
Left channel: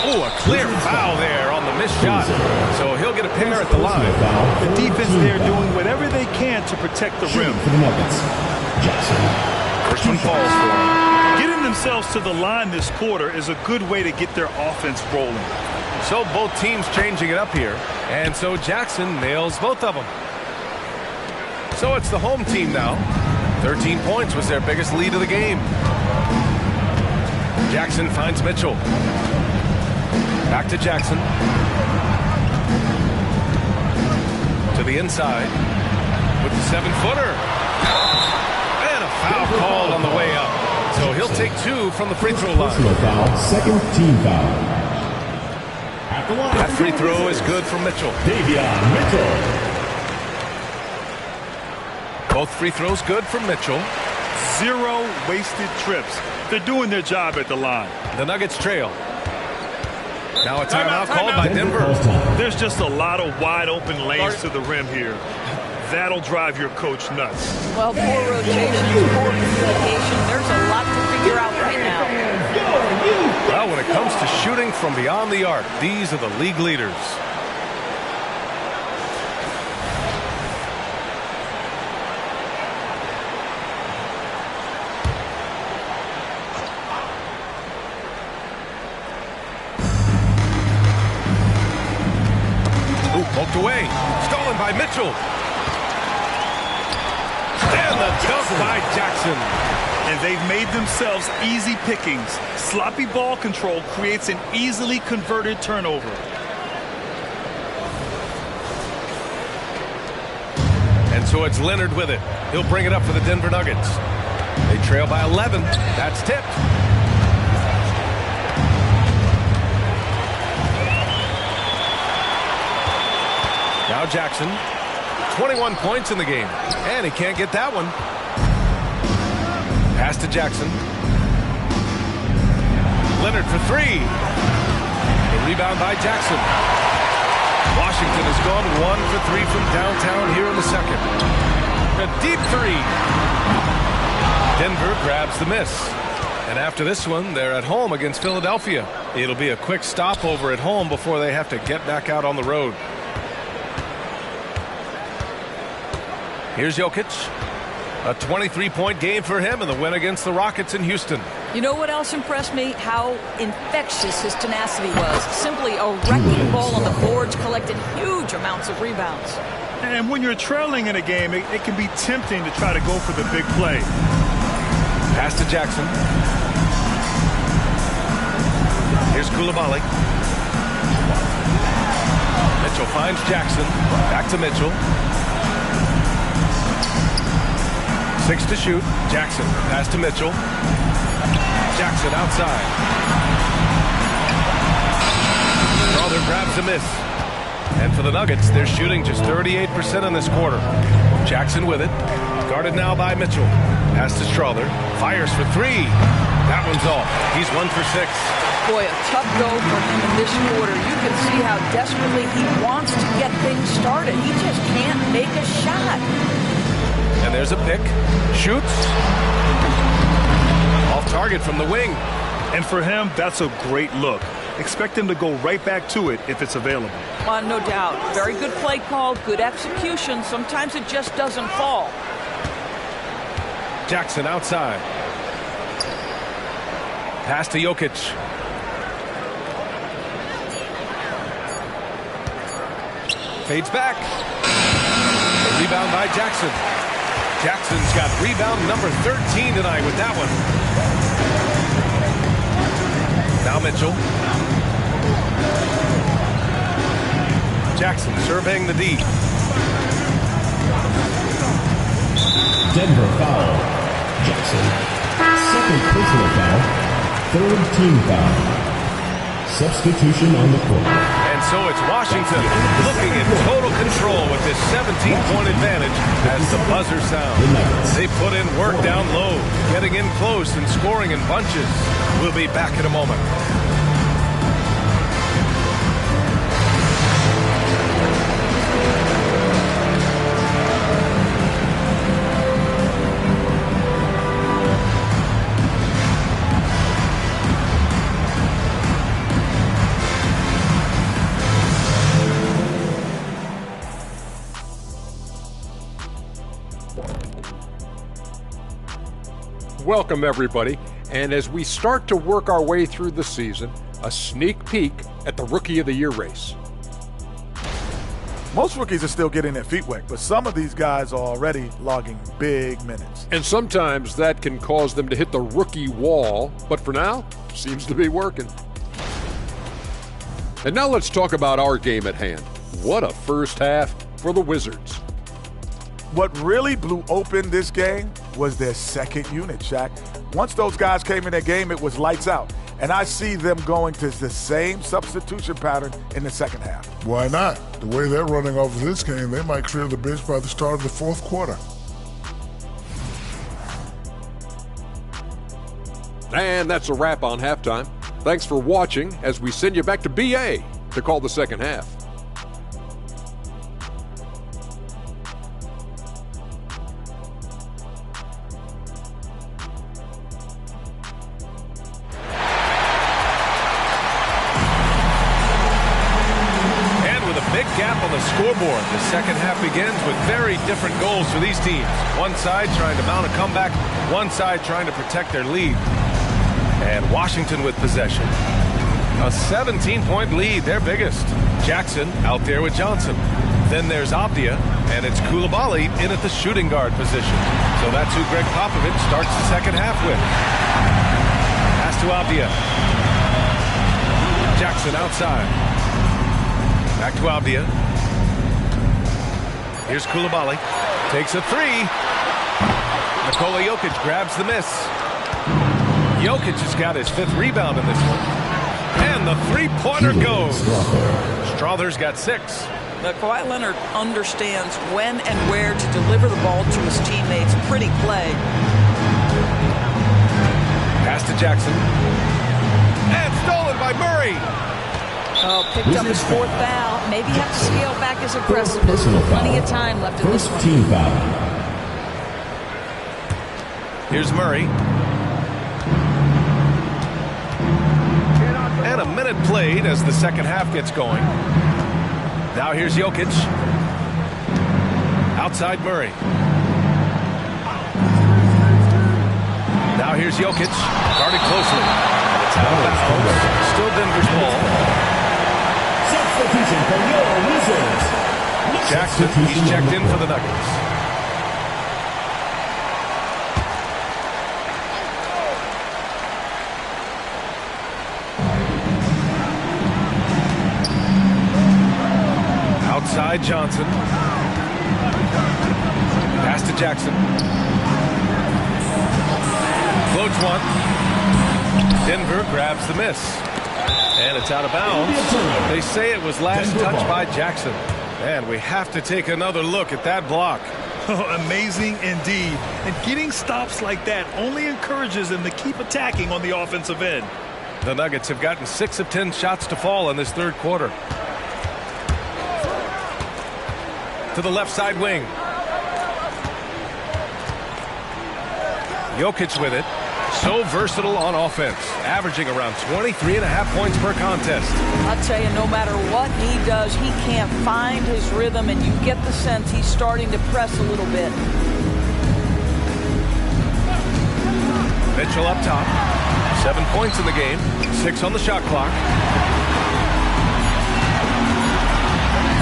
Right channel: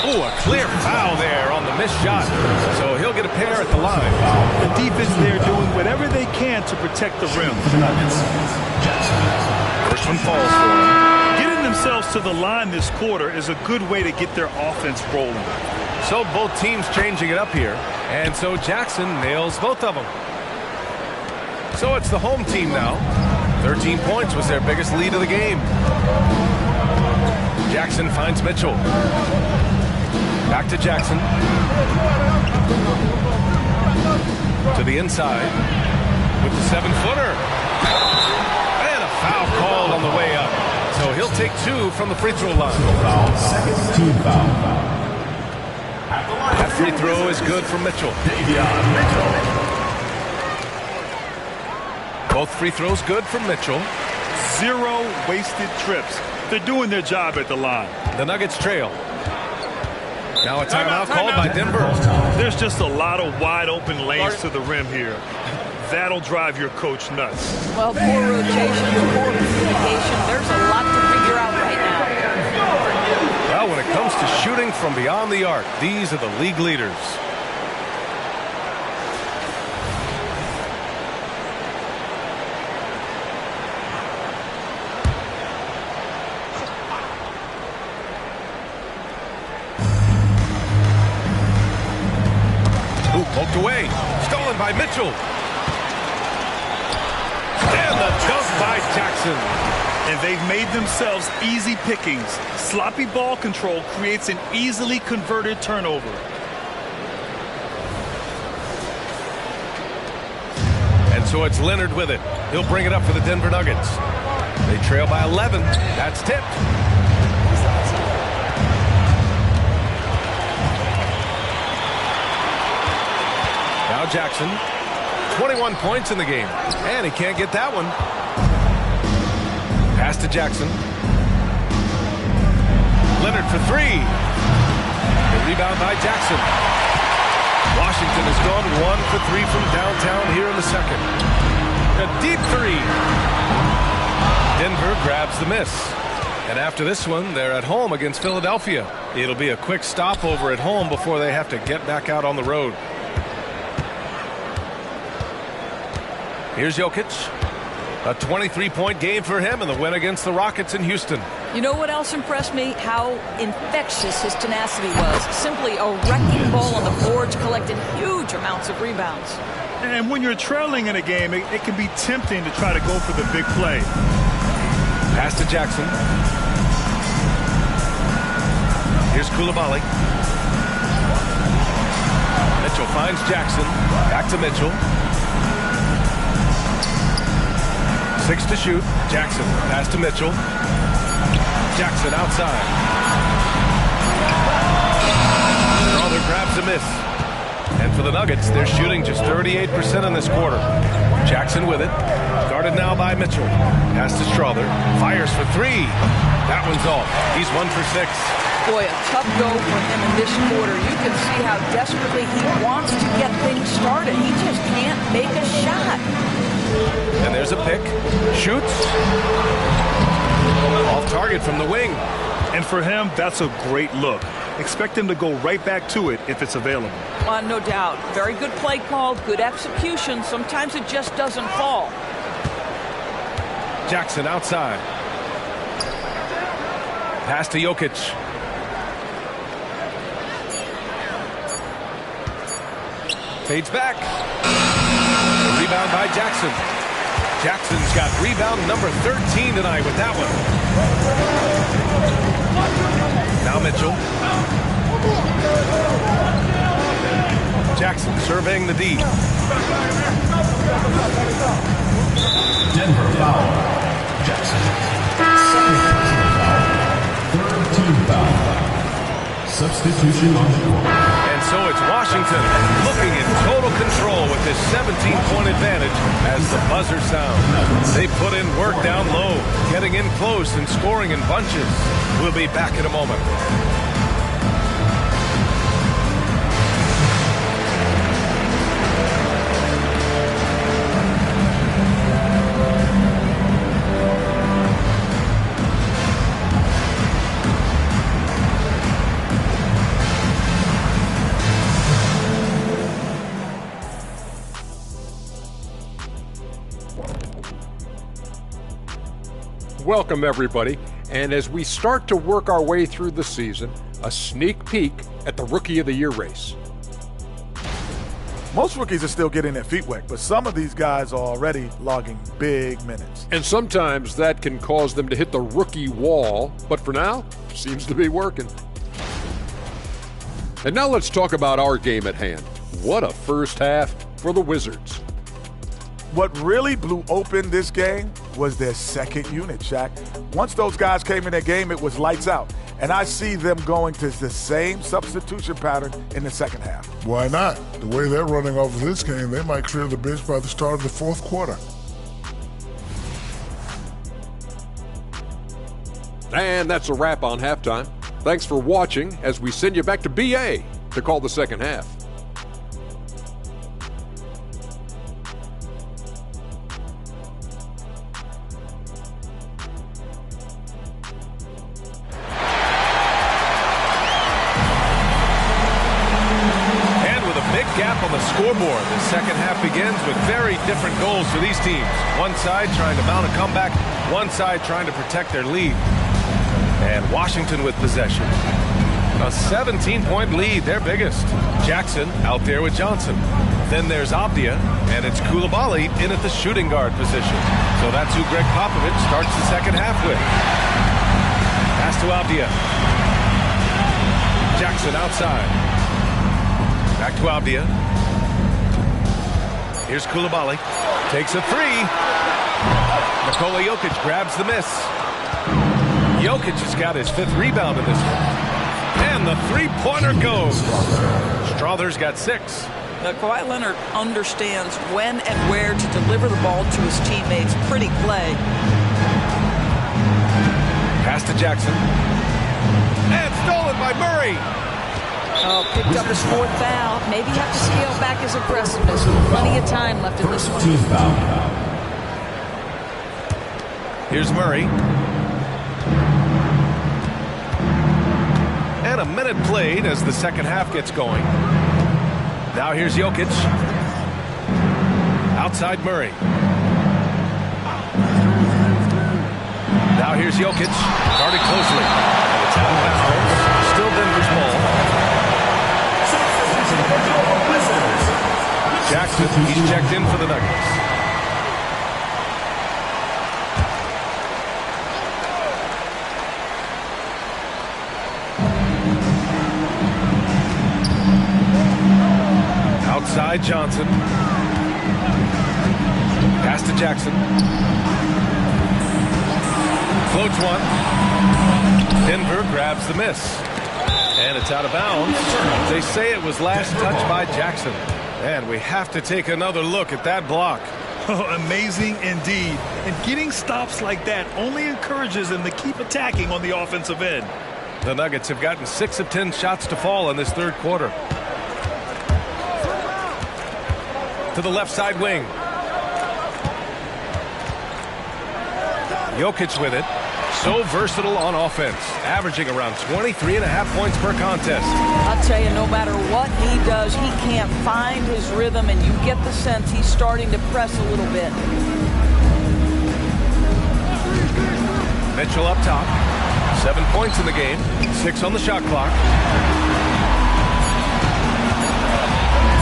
Oh, a clear foul there on the missed shot. So he'll get a pair at the line. The defense there doing whatever they can to protect the rim. For the Nuggets, Jackson. First one falls for him. Getting themselves to the line this quarter is a good way to get their offense rolling. So both teams changing it up here. And so Jackson nails both of them. So it's the home team now. 13 points was their biggest lead of the game. Jackson finds Mitchell. Back to Jackson. To the inside with the 7-footer. And a foul called on the way up. So he'll take 2 from the free throw line. Personal foul, second team foul. That free throw is good for Mitchell. Davion Mitchell. Both free throws good for Mitchell. 0 wasted trips. They're doing their job at the line. The Nuggets trail. Now a timeout called by Denver. There's just a lot of wide open lanes to the rim here. That'll drive your coach nuts. Well, poor rotations, poor communication. There's a lot to figure out right now. Well, when it comes to shooting from beyond the arc, these are the league leaders. Ooh, poked away. Stolen by Mitchell. And the dunk by Jackson. And they've made themselves easy pickings. Sloppy ball control creates an easily converted turnover. And so it's Leonard with it. He'll bring it up for the Denver Nuggets. They trail by 11. That's tipped. Now Jackson. 21 points in the game. And he can't get that one. Pass to Jackson. Leonard for three. The rebound by Jackson. Washington has gone 1 for 3 from downtown here in the second. A deep three. Denver grabs the miss. And after this one, they're at home against Philadelphia. It'll be a quick stopover at home before they have to get back out on the road. Here's Jokic. A 23-point game for him in the win against the Rockets in Houston. You know what else impressed me? How infectious his tenacity was. Simply a wrecking ball on the boards, collected huge amounts of rebounds. And when you're trailing in a game, it can be tempting to try to go for the big play. Pass to Jackson. Here's Coulibaly. Mitchell finds Jackson. Back to Mitchell. 6 to shoot. Jackson. Pass to Mitchell. Jackson outside. Strother grabs a miss. And for the Nuggets, they're shooting just 38% in this quarter. Jackson with it. Guarded now by Mitchell. Pass to Strother. Fires for three. That one's off. He's 1 for 6. Boy, a tough go for him in this quarter. You can see how desperately he wants to get things started. He just can't make a shot. And there's a pick. Shoots. Off target from the wing. And for him, that's a great look. Expect him to go right back to it if it's available. No doubt. Very good play call, good execution. Sometimes it just doesn't fall. Jackson outside. Pass to Jokic. Fades back. The rebound by Jackson. Jackson's got rebound number 13 tonight with that one. Now Mitchell. Jackson surveying the D. Denver foul. Jackson. Second personal foul. Third team foul. Substitution on the court. And so it's Washington looking in total control with this 17-point advantage as the buzzer sounds. They put in work down low, getting in close and scoring in bunches. We'll be back in a moment. Welcome, everybody. And as we start to work our way through the season, a sneak peek at the Rookie of the Year race. Most rookies are still getting their feet wet, but some of these guys are already logging big minutes. And sometimes that can cause them to hit the rookie wall, but for now, seems to be working. And now let's talk about our game at hand. What a first half for the Wizards. What really blew open this game was their second unit, Shaq. Once those guys came in their game, it was lights out. And I see them going to the same substitution pattern in the second half. Why not? The way they're running off of this game, they might clear the bench by the start of the fourth quarter. And that's a wrap on halftime. Thanks for watching as we send you back to BA to call the second half. Big gap on the scoreboard. The second half begins with very different goals for these teams. One side trying to mount a comeback, one side trying to protect their lead. And Washington with possession. A 17-point lead, their biggest. Jackson out there with Johnson. Then there's Avdia, and it's Coulibaly in at the shooting guard position. So that's who Greg Popovich starts the second half with. Pass to Avdia. Jackson outside. Back to Avdia. Here's Coulibaly. Takes a three. Nikola Jokic grabs the miss. Jokic has got his 5th rebound in this one. And the three-pointer goes. Strother's got 6. Now, Kawhi Leonard understands when and where to deliver the ball to his teammates. Pretty play. Pass to Jackson. And stolen by Murray. Oh, picked up his 4th foul. Maybe have to scale back his aggressiveness. Plenty of time left in this one. Team foul. Here's Murray. And a minute played as the second half gets going. Now here's Jokic. Outside Murray. Now here's Jokic. Guarded closely. And it's out of bounds. Still Denver's ball. Jackson, he's checked in for the Nuggets. Outside Johnson. Pass to Jackson. Floats one. Denver grabs the miss. And it's out of bounds. They say it was last touched by Jackson. And we have to take another look at that block. Oh, amazing indeed. And getting stops like that only encourages them to keep attacking on the offensive end. The Nuggets have gotten 6 of 10 shots to fall in this third quarter. To the left side wing. Jokic with it. So versatile on offense, averaging around 23.5 points per contest. I'll tell you, no matter what he does, he can't find his rhythm, and you get the sense he's starting to press a little bit. Mitchell up top. 7 points in the game. 6 on the shot clock.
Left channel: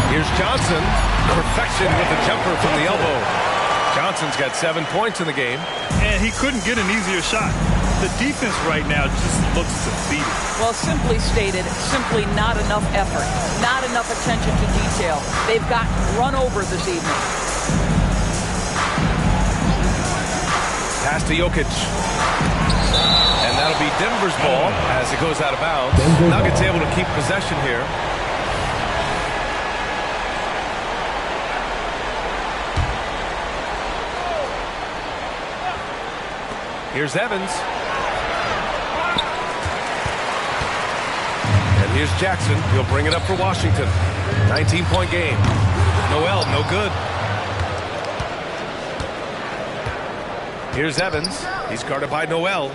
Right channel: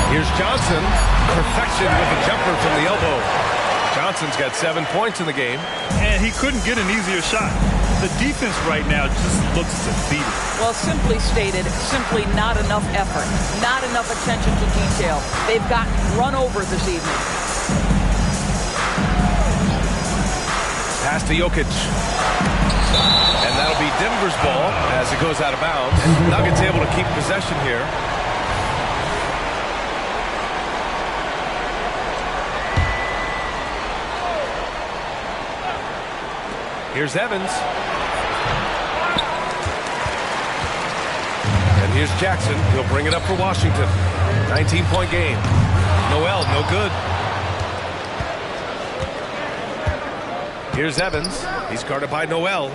Here's Johnson. Perfection with the jumper from the elbow. Johnson's got 7 points in the game. And he couldn't get an easier shot. The defense right now just looks defeated. Well, simply stated, simply not enough effort. Not enough attention to detail. They've gotten run over this evening. Pass to Jokic. And that'll be Denver's ball as it goes out of bounds. Nuggets able to keep possession here. Here's Evans. And here's Jackson. He'll bring it up for Washington. 19-point game. Noel, no good. Here's Evans. He's guarded by Noel.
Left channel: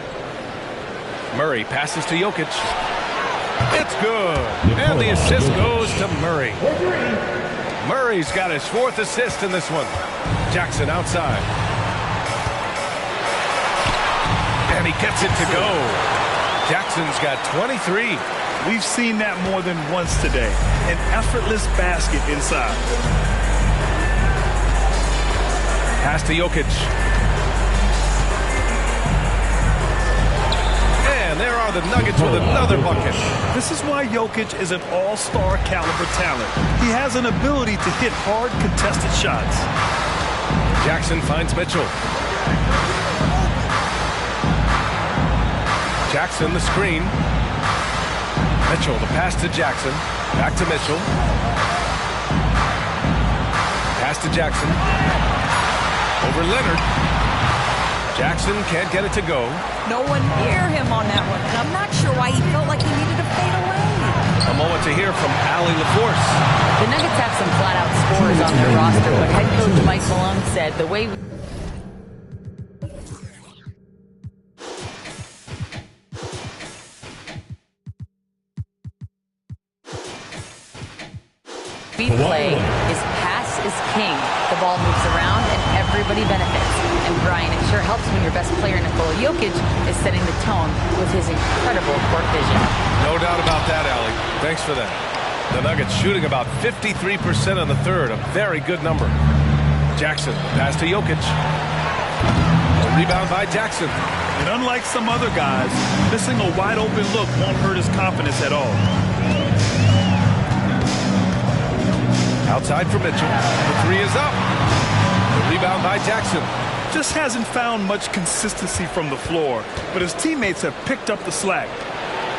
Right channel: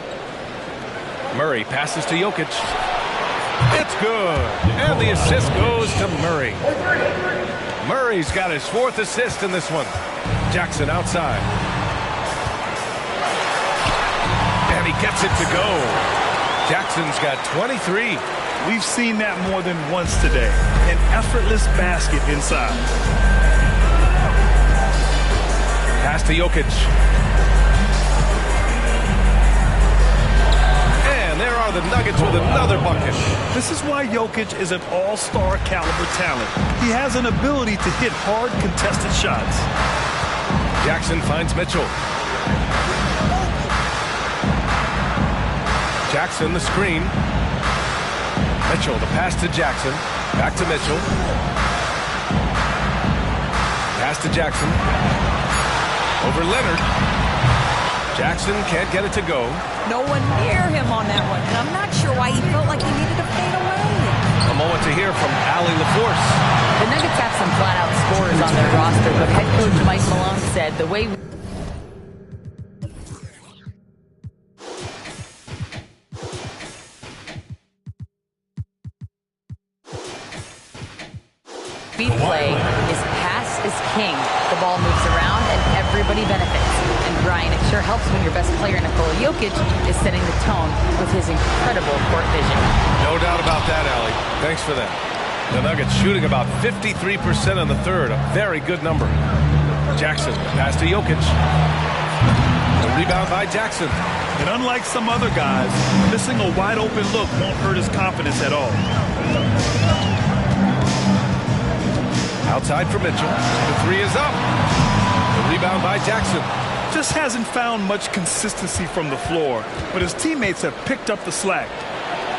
Murray passes to Jokic. It's good. And the assist goes to Murray. Murray's got his 4th assist in this one. Jackson outside. And he gets it to go. Jackson's got 23. We've seen that more than once today. An effortless basket inside. Pass to Jokic. And there are the Nuggets with another bucket. This is why Jokic is an all-star caliber talent. He has an ability to hit hard contested shots. Jackson finds Mitchell. Jackson, the screen. Mitchell, the pass to Jackson. Back to Mitchell. Pass to Jackson. Over Leonard. Jackson can't get it to go. No one near him on that one, and I'm not sure why he felt like he needed to fade away. A moment to hear from Allie LaForce. The Nuggets have some flat-out scorers on their roster, but head coach Mike Malone said the way we play is pass is king. The ball moves around and everybody benefits. And Brian, it sure helps when your best player, Nikola Jokic, is setting the tone with his incredible court vision. No doubt about that, Allie. Thanks for that. The Nuggets shooting about 53% in the third, a very good number. Jackson, pass to Jokic. A rebound by Jackson. And unlike some other guys, missing a wide open look won't hurt his confidence at all. Outside for Mitchell. The three is up. The rebound by Jackson. Just hasn't found much consistency from the floor, but his teammates have picked up the slack.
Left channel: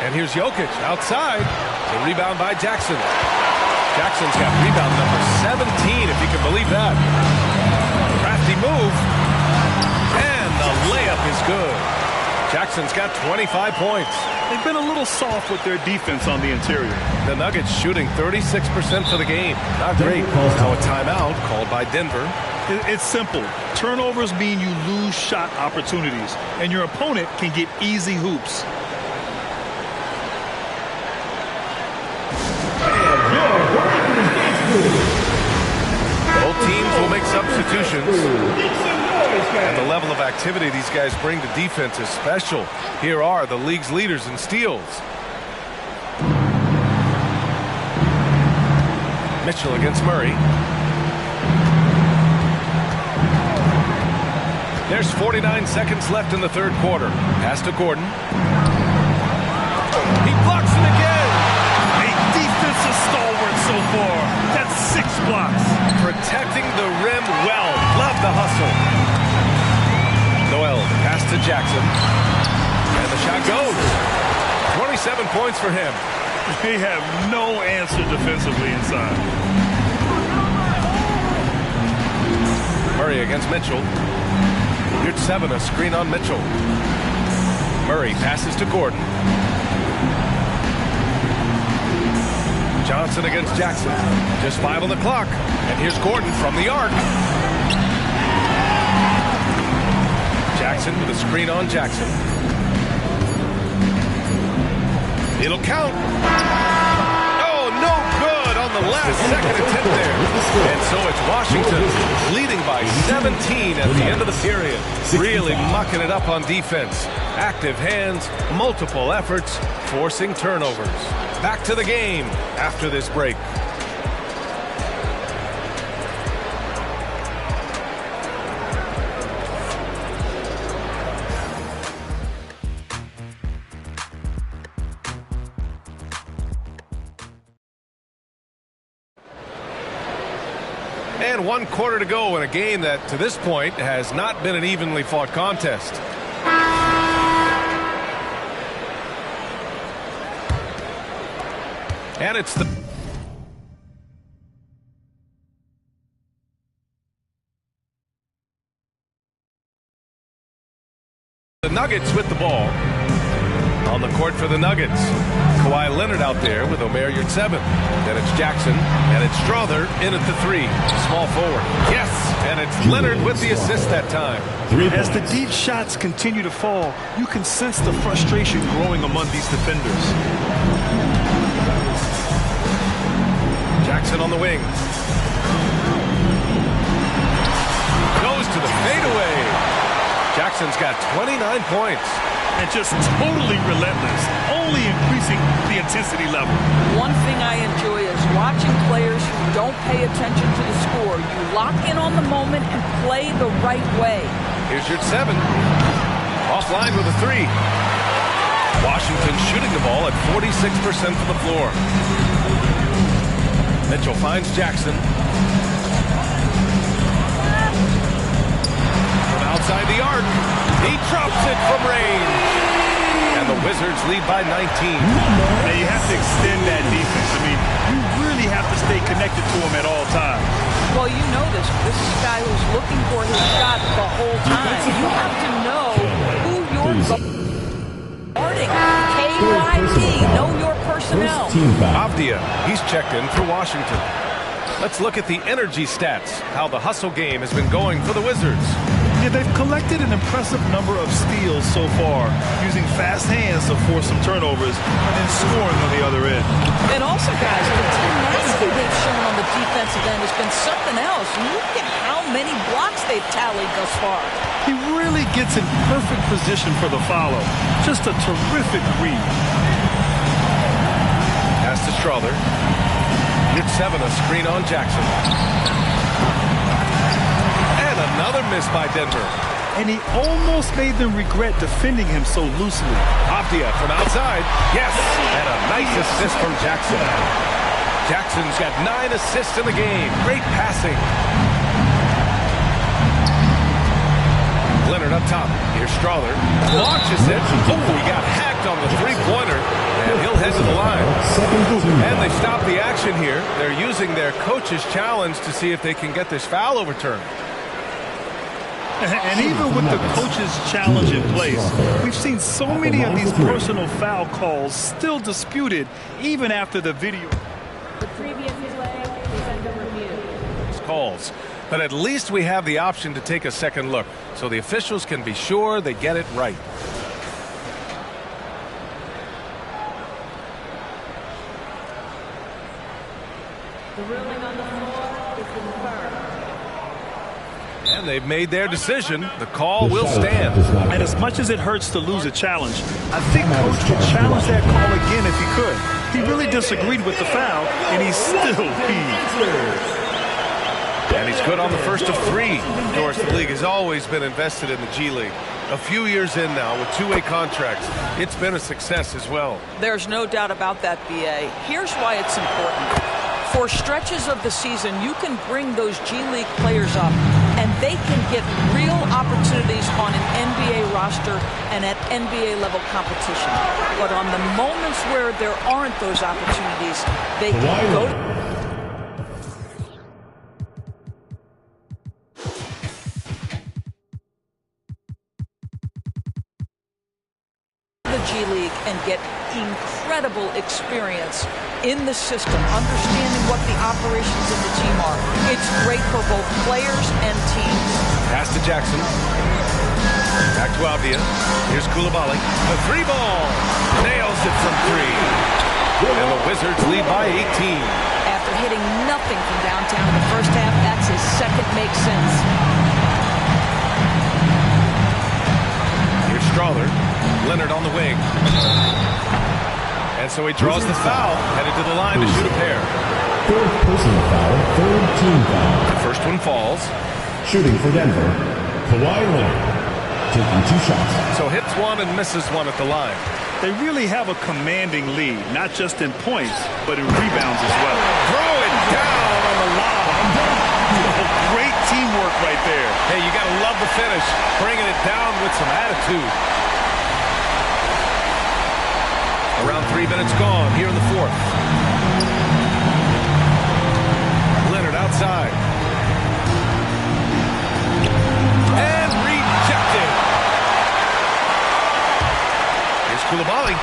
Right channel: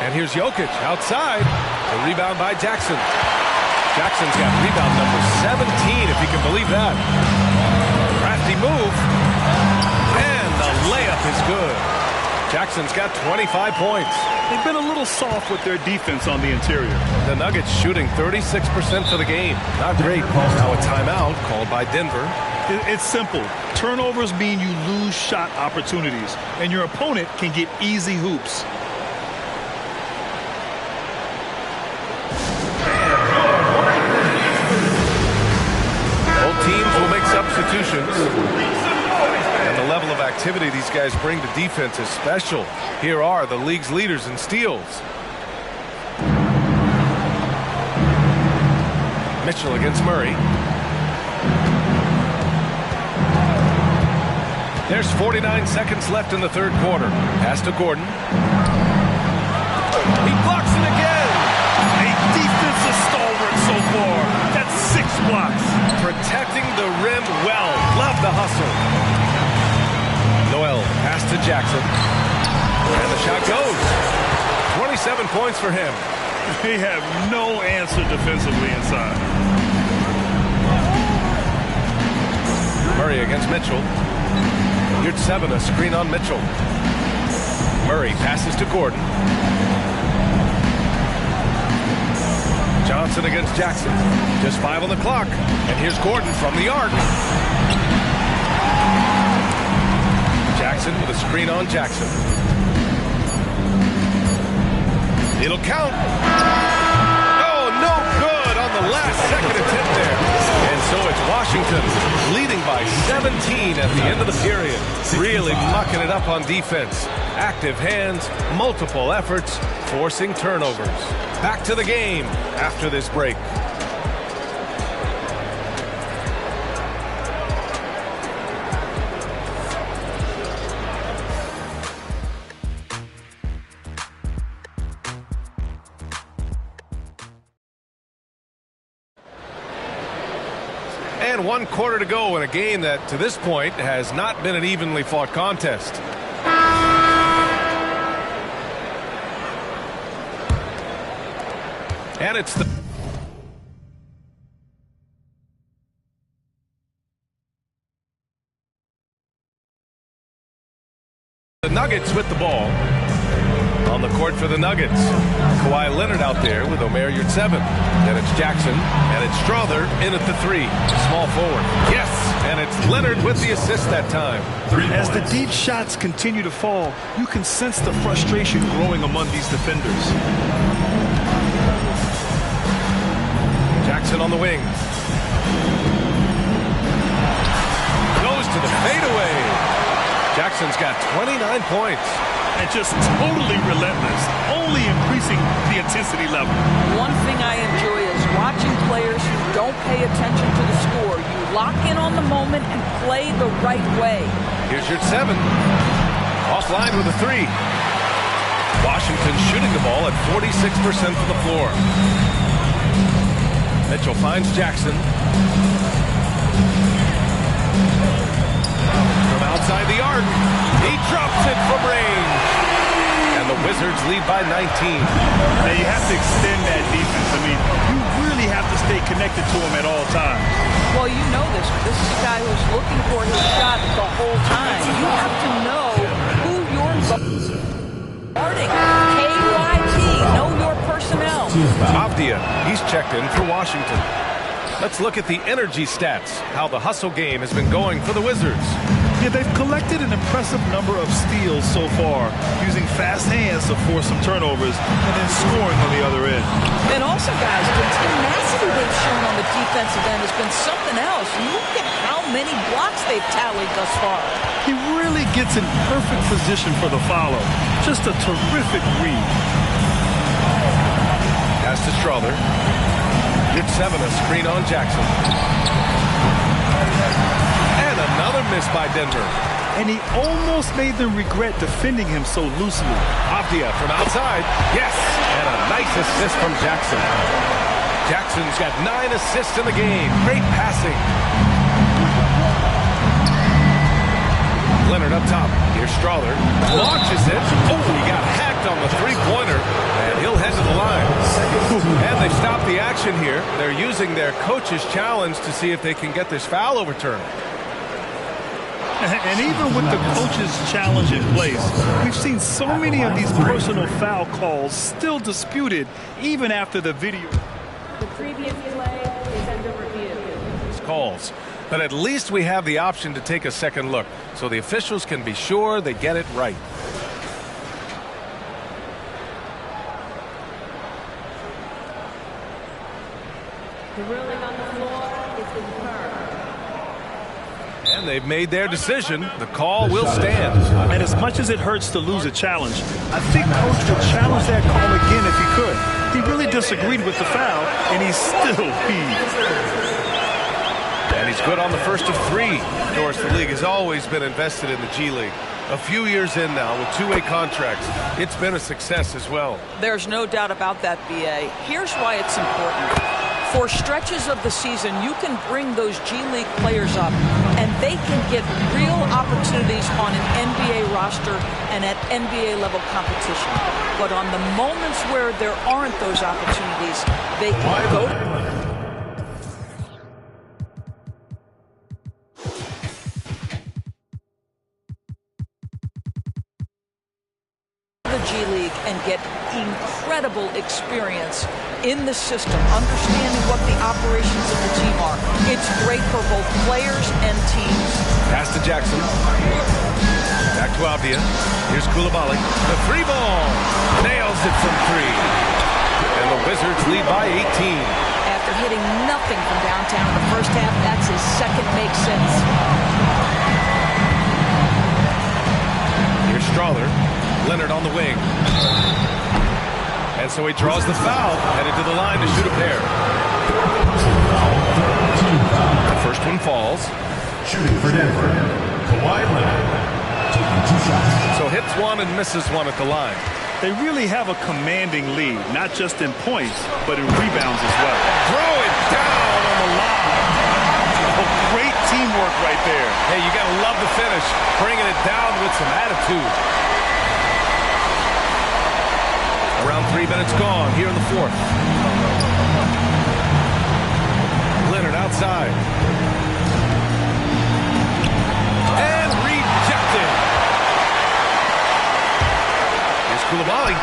And here's Jokic outside. The rebound by Jackson. Jackson's got rebound number 17, if you can believe that. Crafty move. And the layup is good. Jackson's got 25 points. They've been a little soft with their defense on the interior. The Nuggets shooting 36% for the game. Not great. Now a timeout called by Denver. It's simple. Turnovers mean you lose shot opportunities, and your opponent can get easy hoops. Both teams will make substitutions. And the level of activity these guys bring to defense is special. Here are the league's leaders in steals. Mitchell against Murray. There's 49 seconds left in the third quarter. Pass to Gordon. He blocks it again. A defensive stalwart so far. That's 6 blocks. Protecting the rim well. Love the hustle. Noel, pass to Jackson. And the shot goes. 27 points for him. They have no answer defensively inside. Murray against Mitchell. Yurtseven, a screen on Mitchell. Murray passes to Gordon. Johnson against Jackson. Just 5 on the clock. And here's Gordon from the arc. Jackson with a screen on Jackson. It'll count. Oh, no good on the last second attempt there. And so it's Washington leading by 17 at the end of the period. Really mucking it up on defense. Active hands, multiple efforts, forcing turnovers. Back to the game after this break. And 1 quarter to go in a game that, to this point, has not been an evenly fought contest. And it's the Nuggets with the ball. On the court for the Nuggets. Kawhi Leonard out there with Omer Yurtseven. Then it's Jackson, and it's Strother in at the 3. Small forward. Yes, and it's Leonard with the assist that time. As the deep shots continue to fall, you can sense the frustration growing among these defenders. Jackson on the wing. Goes to the fadeaway. Jackson's got 29 points. And just totally relentless, only increasing the intensity level. One thing I enjoy is watching players who don't pay attention to the score. You lock in on the moment and play the right way. Here's Yurtseven. Offline with a 3. Washington shooting the ball at 46% from the floor. Mitchell finds Jackson. From outside the arc. He drops it from range. And the Wizards lead by 19. Now you have to extend that defense. I mean, you really have to stay connected to him at all times. Well, you know this. This is a guy who's looking for his shot the whole time. You have to know who you're guarding. KYP, know your personnel. Avdia, he's checked in for Washington. Let's look at the energy stats, how the hustle game has been going for the Wizards. Yeah, they've collected an impressive number of steals so far, using fast hands to force some turnovers and then scoring on the other end. And also, guys, the tenacity they've shown on the defensive end has been something else. Look at how many blocks they've tallied thus far. He really gets in perfect position for the follow. Just a terrific read. Pass to Strother. Yurtseven, a screen on Jackson. And another miss by Denver. and he almost made them regret defending him so loosely. Avdia from outside. Yes, and a nice assist from Jackson. Jackson's got 9 assists in the game. Great passing. Leonard up top. Here's Strawther. Launches it. Oh, he got hacked on the three-pointer, and he'll head to the line. And they stop the action here. They're using their coach's challenge to see if they can get this foul overturned. And even with the coach's challenge in place, we've seen so many of these personal foul calls still disputed even after the video. The previous play is under review. These calls. But at least we have the option to take a second look, so the officials can be sure they get it right. The ruling on the floor is confirmed. And they've made their decision. The call will stand. And as much as it hurts to lose a challenge, I think Coach would challenge that call again if he could. He really disagreed with the foul, and he still heaved. And he's good on the first of 3. Of course, the league has always been invested in the G League. A few years in now with 2-way contracts. It's been a success as well. There's no doubt about that, B.A. Here's why it's important. For stretches of the season, you can bring those G League players up, and they can get real opportunities on an NBA roster and at NBA level competition. But on the moments where there aren't those opportunities, they can go to the G League and get incredible experience in the system, understanding what the operations of the team are. It's great for both players and teams. Pass to Jackson. Back to Avdia. Here's Coulibaly. The 3-ball. Nails it from 3. And the Wizards lead by 18. After hitting nothing from downtown in the first half, that's his second make since. Here's Strawther. Leonard on the wing. And so he draws the foul, headed to the line to shoot a pair. 4th personal foul, 3rd team foul. The first one falls. Shooting for Denver, Kawhi Leonard, taking 2 shots. So hits 1 and misses 1 at the line. They really have a commanding lead, not just in points, but in rebounds as well. Throw it down on the lob. Oh, great teamwork right there. Hey, you got to love the finish, bringing it down with some attitude. Around 3 minutes gone here in the 4th. Leonard outside. And rejected. Here's Coulibaly.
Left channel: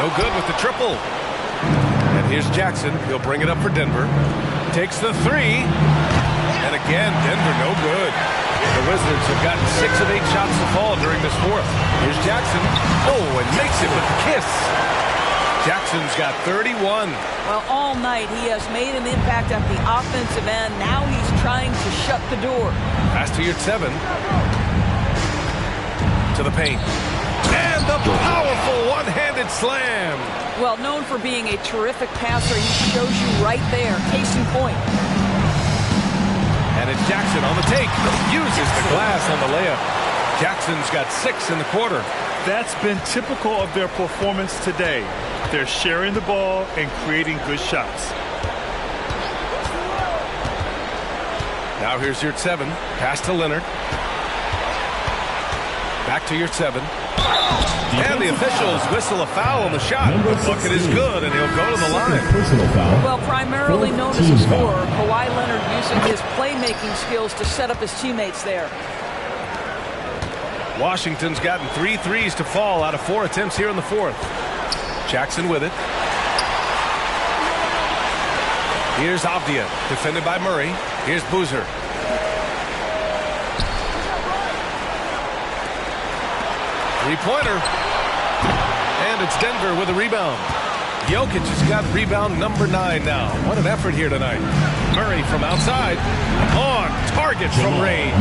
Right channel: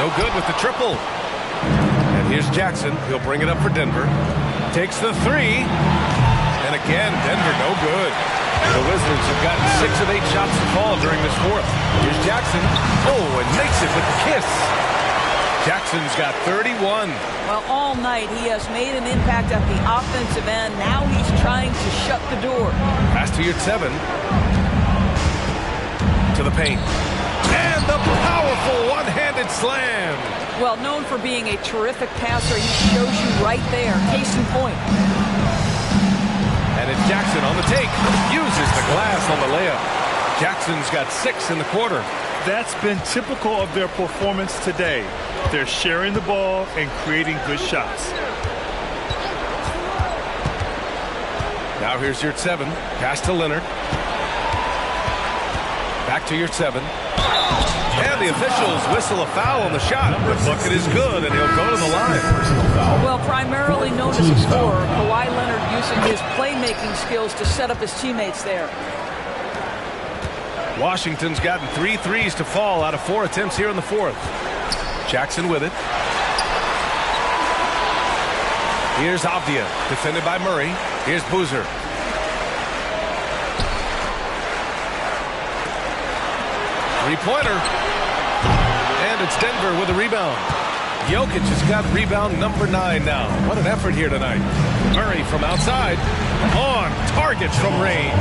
No good with the triple. And here's Jackson. He'll bring it up for Denver. Takes the 3. And again, Denver no good. The Wizards have gotten 6 of 8 shots to fall during this 4th. Here's Jackson. Oh, and makes it with the kiss. Jackson's got 31. Well, all night he has made an impact at the offensive end. Now he's trying to shut the door. Pass to Yurtseven. To the paint. And the powerful one-handed slam. Well, known for being a terrific passer, he shows you right there. Case in point. And it's Jackson on the take. Uses the glass on the layup. Jackson's got 6 in the quarter. That's been typical of their performance today. They're sharing the ball and creating good shots. Now here's Yurtseven. Pass to Leonard. Back to Yurtseven. And the officials whistle a foul on the shot. The bucket is good, and he'll go to the line. Well, primarily known as a scorer, Kawhi Leonard using his playmaking skills to set up his teammates there. Washington's gotten 3 threes to fall out of 4 attempts here in the 4th. Jackson with it. Here's Avdia, defended by Murray. Here's Boozer. Three-pointer. And it's Denver with a rebound. Jokic has got rebound number 9 now. What an effort here tonight. Murray from outside. On target from range.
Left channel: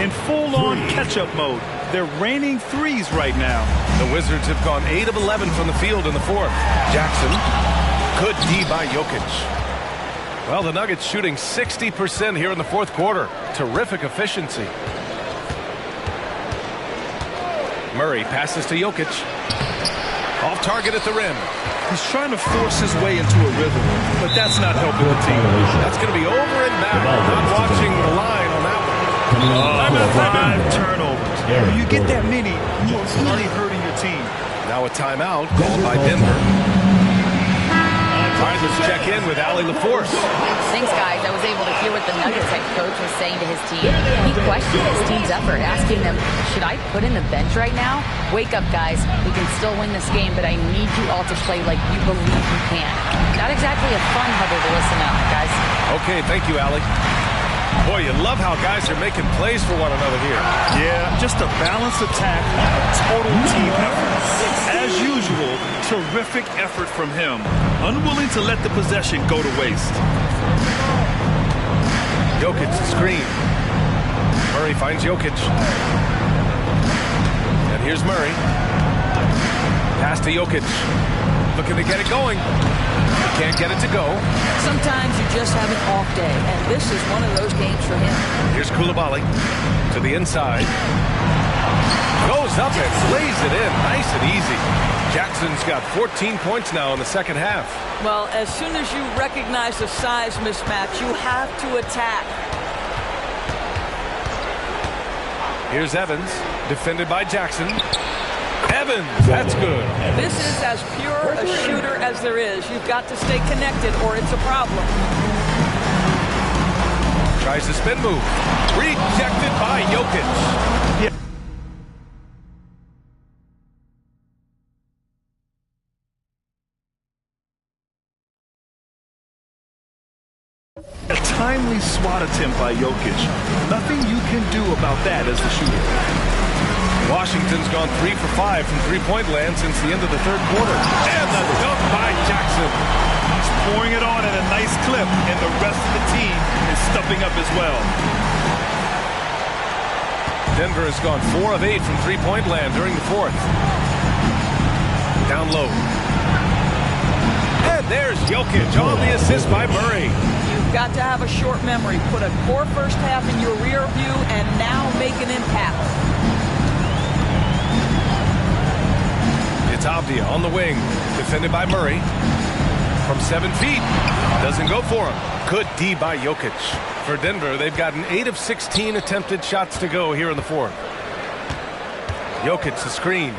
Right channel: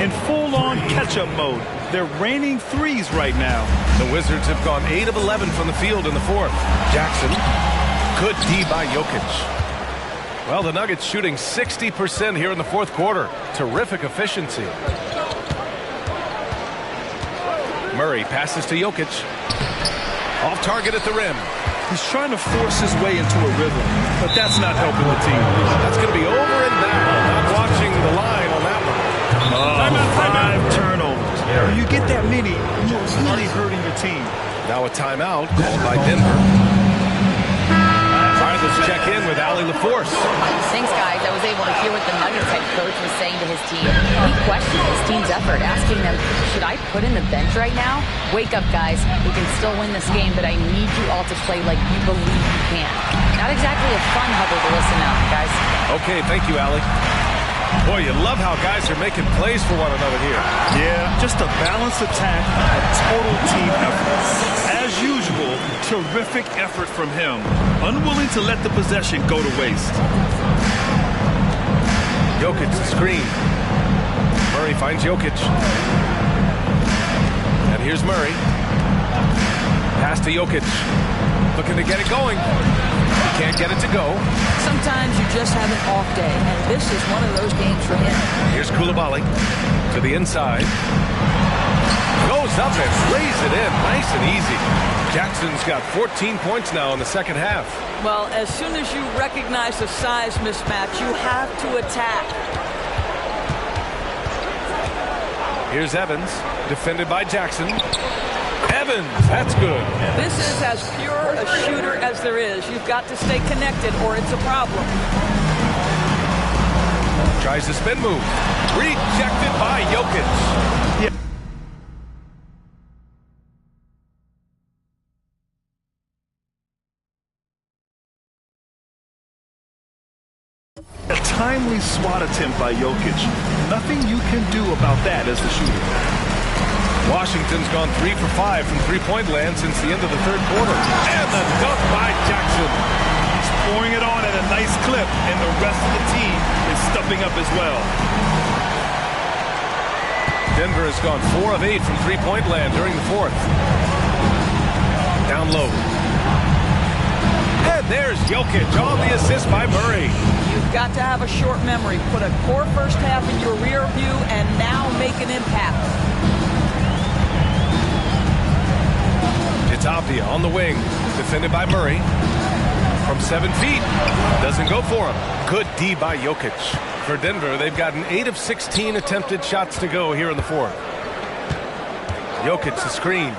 In full-on catch-up mode. They're raining threes right now. The Wizards have gone 8 of 11 from the field in the 4th. Jackson. Good D by Jokic. Well, the Nuggets shooting 60% here in the 4th quarter. Terrific efficiency. Murray passes to Jokic. Off target at the rim. He's trying to force his way into a rhythm, but that's not helping the team. That's going to be over and back. Not watching the line on that one. Five turnovers. When you get that many, you are really hurting your team. Now a timeout called by Denver. All right, let's check in with Allie LaForce. Thanks, guys. I was able to hear what the Nuggets head coach was saying to his team. He questioned his team's effort, asking them, should I put in the bench right now? Wake up, guys. We can still win this game, but I need you all to play like you believe you can. Not exactly a fun huddle to listen to, guys. Okay, thank you, Allie. Boy, you love how guys are making plays for one another here. Yeah, just a balanced attack, a total team effort. As usual, terrific effort from him. Unwilling to let the possession go to waste. Jokic the screen. Murray finds Jokic. And here's Murray. Pass to Jokic. Looking to get it going. He can't get it to go. Sometimes you just have an off day, and this is one of those games for him. Here's Coulibaly to the inside. Goes up and lays it in. Nice and easy. Jackson's got 14 points now in the second half. Well, as soon as you recognize a size mismatch, you have to attack. Here's Evans, defended by Jackson. Evans, that's good. This is as pure a shooter as there is. You've got to stay connected or it's a problem. Tries the spin move. Rejected by Jokic. Yeah. A timely swat attempt by Jokic. Nothing you can do about that as the shooter. Washington's gone 3 for 5 from three-point land since the end of the third quarter. And the dunk by Jackson. He's pouring it on at a nice clip, and the rest of the team is stepping up as well. Denver has gone 4 of 8 from three-point land during the fourth. Down low. And there's Jokic on the assist by Murray. You've got to have a short memory. Put a core first half in your rear view and now make an impact. It's Avdia on the wing, defended by Murray. From 7 feet, doesn't go for him. Good D by Jokic. For Denver, they've gotten 8 of 16 attempted shots to go here in the fourth. Jokic the screen.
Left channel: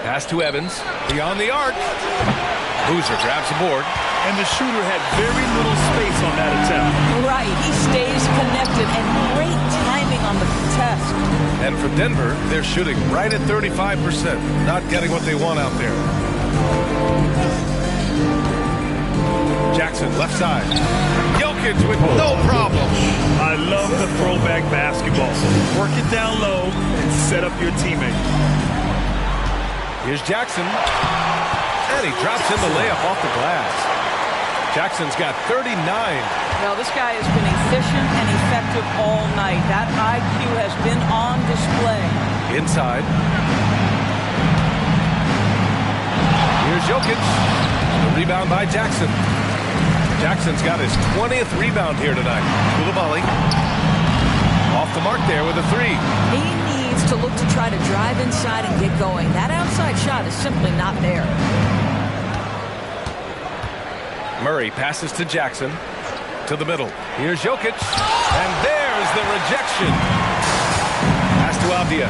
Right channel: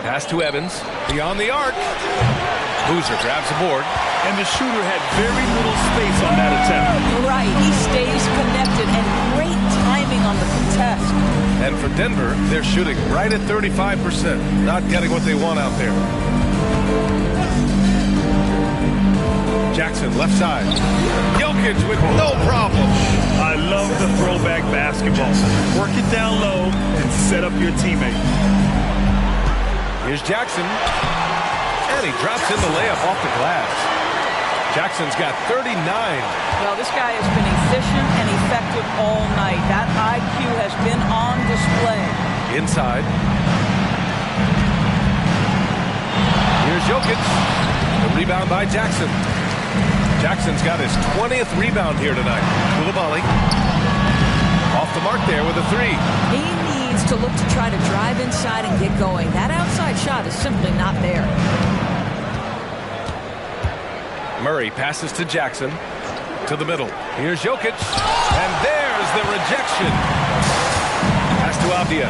Pass to Evans, beyond the arc. Boozer grabs the board. And the shooter had very little space on that attempt. Right, he stays connected and great timing on the contest. And for Denver, they're shooting right at 35%, not getting what they want out there. Jackson, left side. Jokic with no problem. I love the throwback basketball. Work it down low and set up your teammate. Here's Jackson. And he drops in the layup off the glass. Jackson's got 39. Well, this guy has been efficient and effective all night. That IQ has been on display. Inside. Here's Jokic. The rebound by Jackson. Jackson's got his 20th rebound here tonight. Coulibaly. Off the mark there with a 3. He needs to look to try to drive inside and get going. That outside shot is simply not there. Murray passes to Jackson. To the middle. Here's Jokic. And there's the rejection. Pass to Avdia.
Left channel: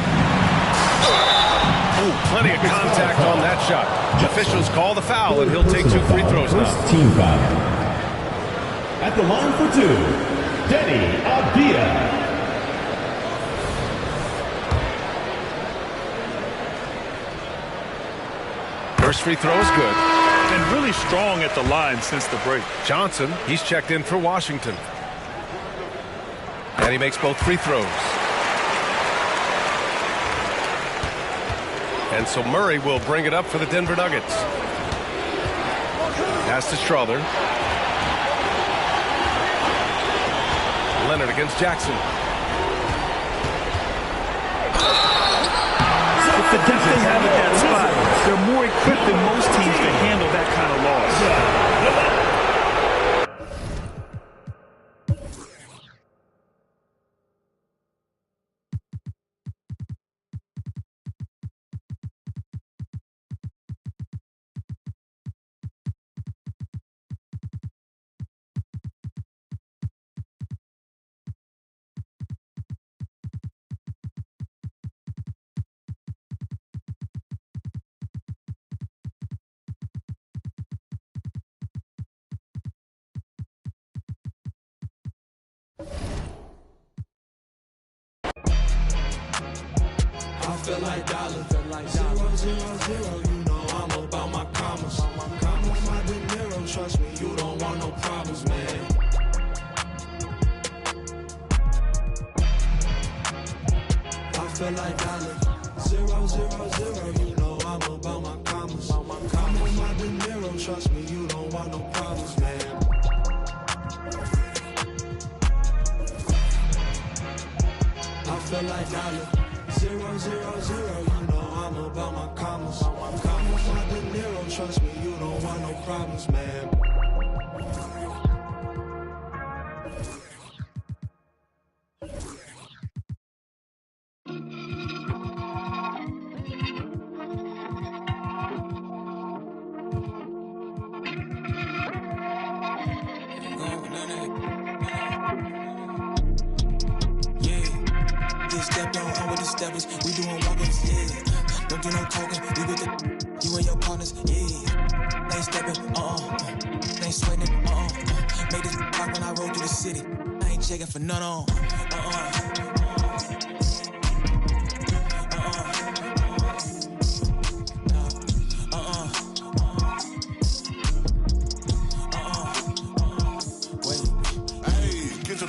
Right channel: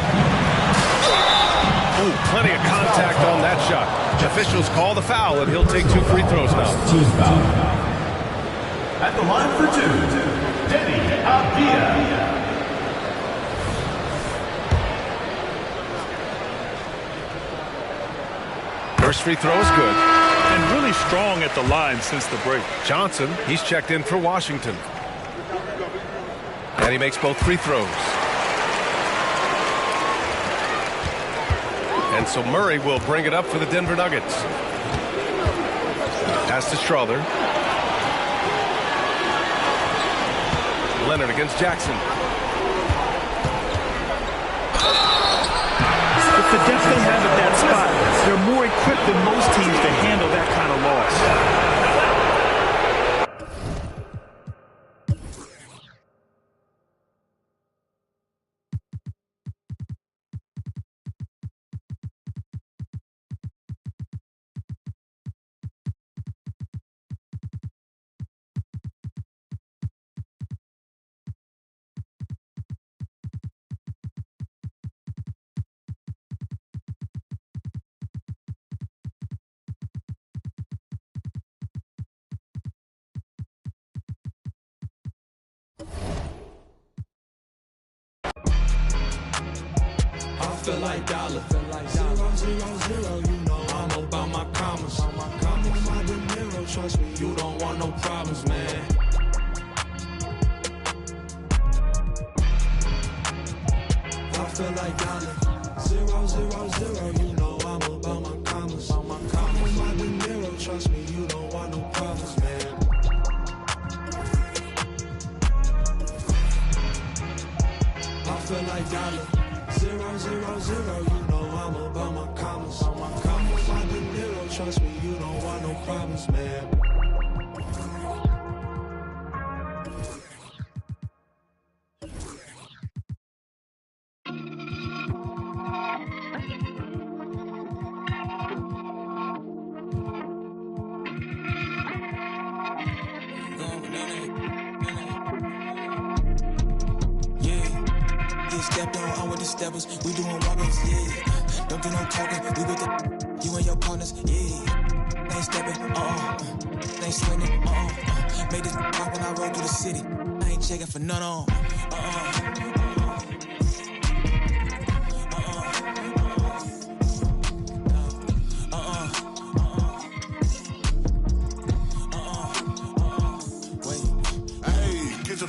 Oh, plenty of contact on that shot. Officials call the foul, and he'll take 2 free throws now. Team foul. At the line for 2, Denny Avdia. First free throw is good. And really strong at the line since the break. Johnson, he's checked in for Washington. And he makes both free throws. And so Murray will bring it up for the Denver Nuggets. Pass to Strother. Leonard against Jackson. With the depth they have at that spot, they're more equipped than most teams to handle that kind of loss. feel like dollar. 0, 0, 0, you know I'm about my commas. I'm on my De Niro, trust me, you don't want no problems, man. I feel like dollar. 0, 0, 0, you know I'm about my commas. I'm on my De Niro, trust me, you don't want no problems, man. I feel like dollar. 0, 0, 0, you know I'm about my commas. I'm on my De Niro, trust me, you don't want no problems, man. Stepped on with the steppers, we doing walk-ups, yeah. Don't do no talking, we with the you and your partners, yeah. Ain't stepping, ain't swinging, made this rock when I roll through the city. I ain't checking for none on,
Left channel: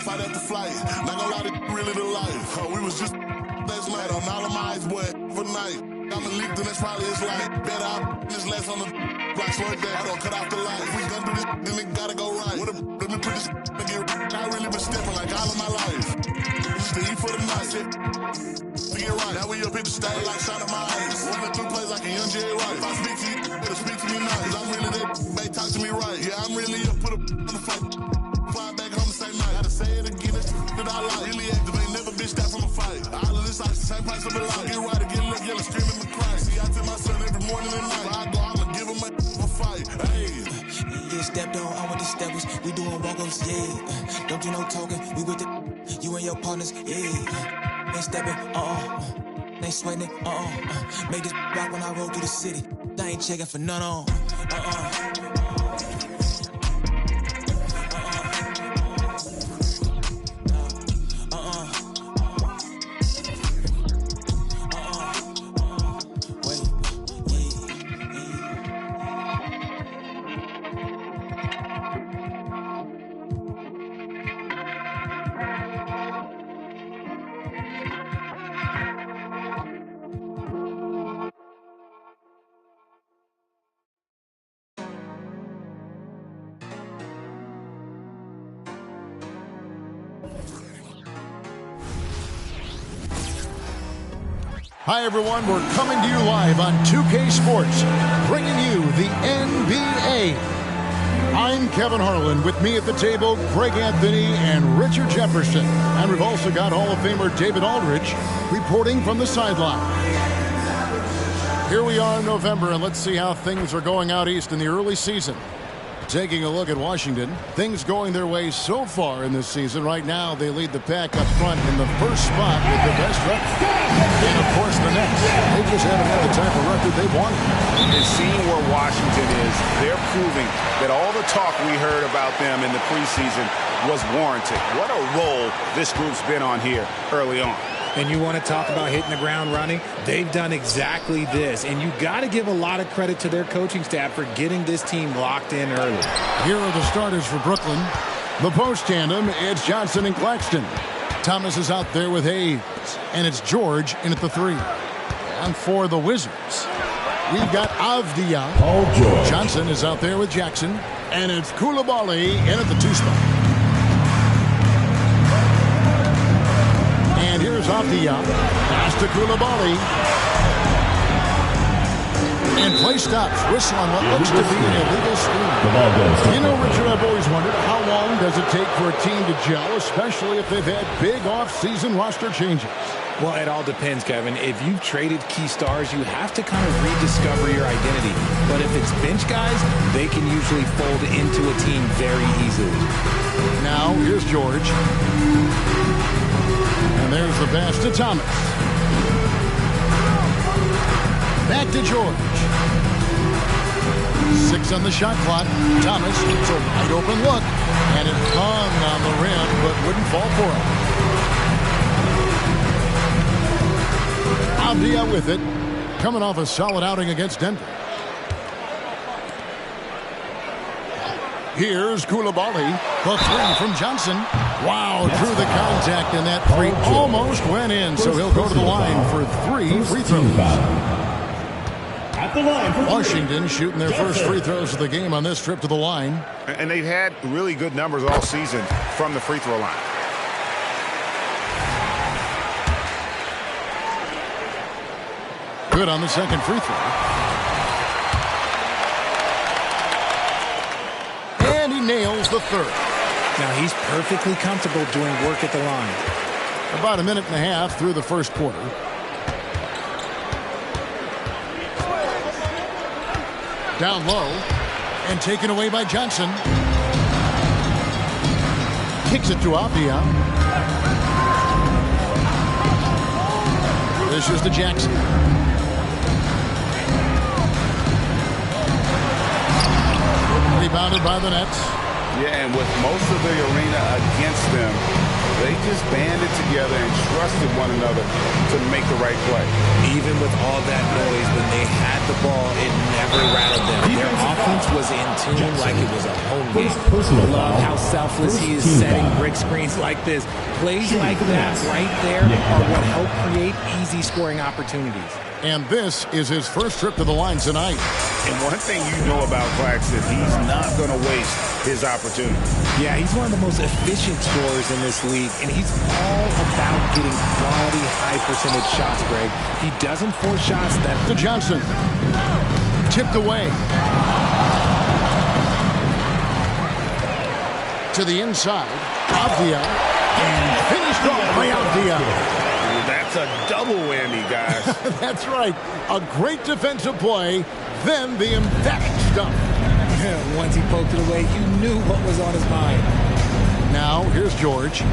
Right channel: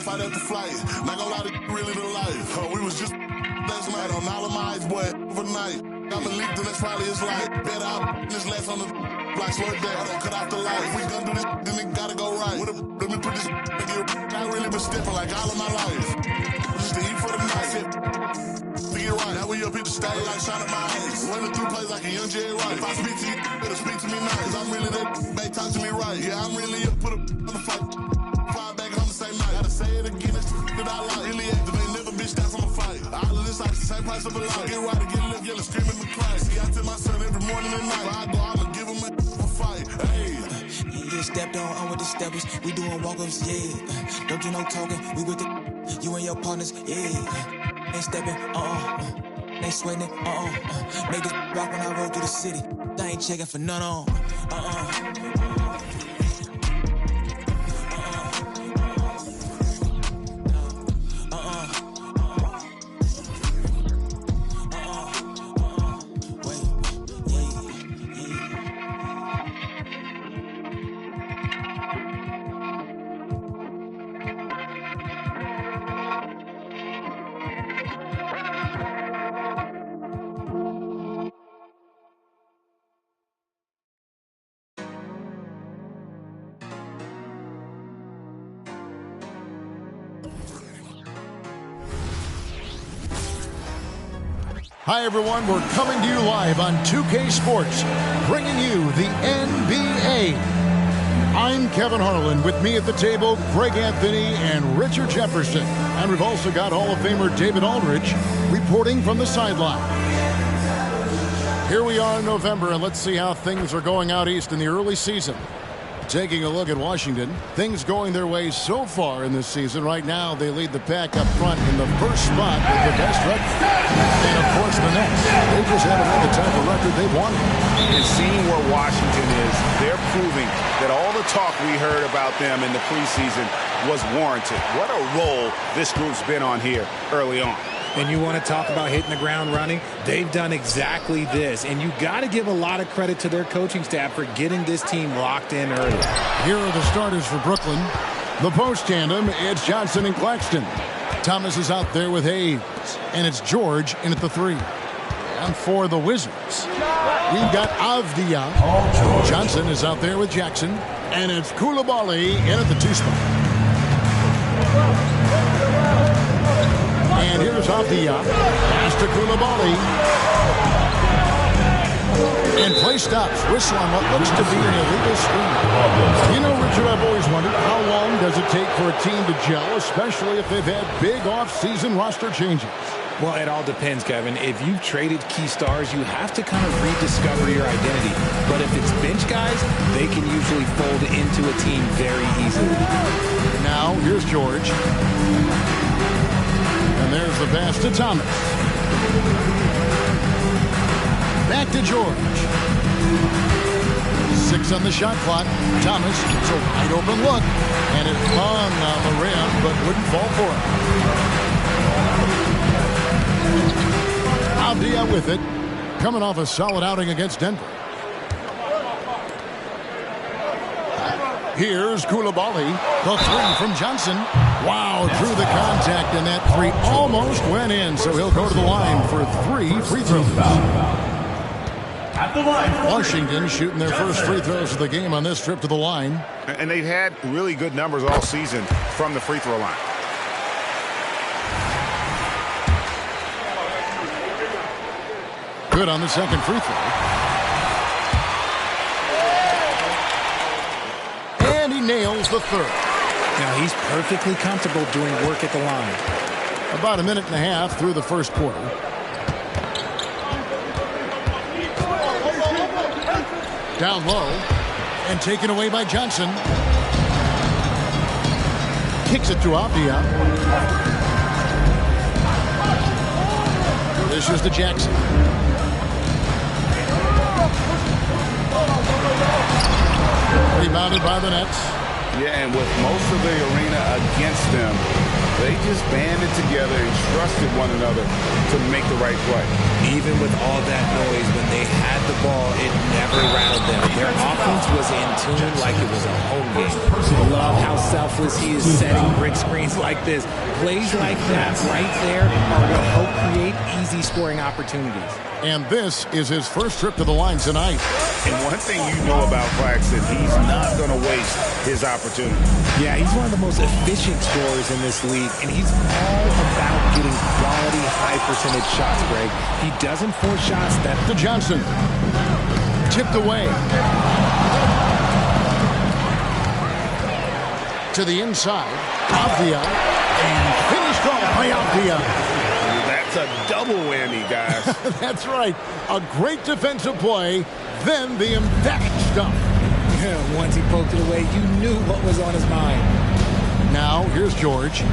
Fight after flight, not gonna lie, to really the life. We was just last night on all of my eyes, boy, overnight. I'm a leak, then that's probably his life. Better out this last on the block, slow it down. I don't cut off the light. If we gonna do this, then it gotta go right. Let me put this nigga. I really been stepping like all of my life. Just to eat for the night. To get right. Now we up at the stage, like shining my eyes. Running through plays like a young Jerry Rice. If I speak to you, better speak to me nice. Cause I'm really that, babe, talk to me right. Yeah, I'm really up, put on the fight. Fly back home the same night. Gotta say it again, it's that I like. Really active, ain't never bitched out from a fight. All of this like the same price of a life. Get right or get left, yelling, screaming the cry. See, I tell my son every morning and night. If I go, I'ma give him a fight. Hey. Get stepped on with the steppers, we doing walk-ups, yeah. Don't do no talking, we with the you and your partners, yeah. Ain't stepping, ain't swinging, made this rock when I roll through the city. I ain't checking for none on, Hi, everyone. We're coming to you live on 2K Sports, bringing you the NBA. I'm Kevin Harlan. With me at the table, Greg Anthony and Richard Jefferson. And we've also got Hall of Famer David Aldridge reporting from the sideline. Here we are in November, and let's see how things are going out east in the early season. Taking a look at Washington, things going their way so far in this season. Right now, they lead the pack up front in the first spot with the best record. And, of course, the Nets. They just haven't had the type of record they've wanted. And seeing where Washington is, they're proving that all the talk we heard about them in the preseason was warranted. What a role this group's been on here early on. And you want to talk about hitting the ground running? They've done exactly this. And you got to give a lot of credit to their coaching staff for getting this team locked in early. Here are the starters for Brooklyn. The post tandem, it's Johnson and Claxton. Thomas is out there with Hayes. And it's George in at the 3. And for the Wizards, we've got Avdia. Johnson is out there with Jackson. And it's Koulibaly in at the 2 spot. And here's Avdia. Pass to Koulibaly. And play stops. Whistle on what looks to be an illegal screen. You know, Richard, I've always wondered, how long does it take for a team to gel, especially if they've had big off-season roster changes? Well, it all depends, Kevin. If you've traded key stars, you have to kind of rediscover your identity. But if it's bench guys, they can usually fold into a team very easily. Now, here's George. And there's the pass to Thomas. Back to George. 6 on the shot clock. Thomas, it's a wide open look. And it hung on the rim, but wouldn't fall for him. Avdia with it, coming off a solid outing against Denver. Here's Koulibaly. The three from Johnson. Wow, drew the contact, and that three almost went in, so he'll go to the line for 3 free throws. At the line for Washington shooting their first free throws of the game on this trip to the line. And they've had really good numbers all season from the free throw line. Good on the second free throw. And he nails the third. Now he's perfectly comfortable doing work at the line. About a minute and a half through the first quarter. Down low and taken away by Johnson. Kicks it to Avdia. This is to Jackson. Rebounded by the Nets. Yeah, and with most of the arena against them, they just banded together and trusted one another to make the right play. Even with all that noise, when they had the ball, it never rattled them. Their offense was in tune like it was a home game. Love how selfless he is setting brick screens like this. Plays like that right there are what help create easy scoring opportunities. And this is his first trip to the line tonight. And one thing you know about Claxton, he's not going to waste his opportunity. Yeah, he's one of the most efficient scorers in this league, and he's all about getting quality, high-percentage shots, Greg. He doesn't force shots that... To Johnson. Tipped away. To the inside. Avdia. And finished off by Avdia. That's a double whammy, guys. That's right. A great defensive play, then the emphatic stuff. Yeah, once he poked it away, you knew what was on his mind. Now, here's George.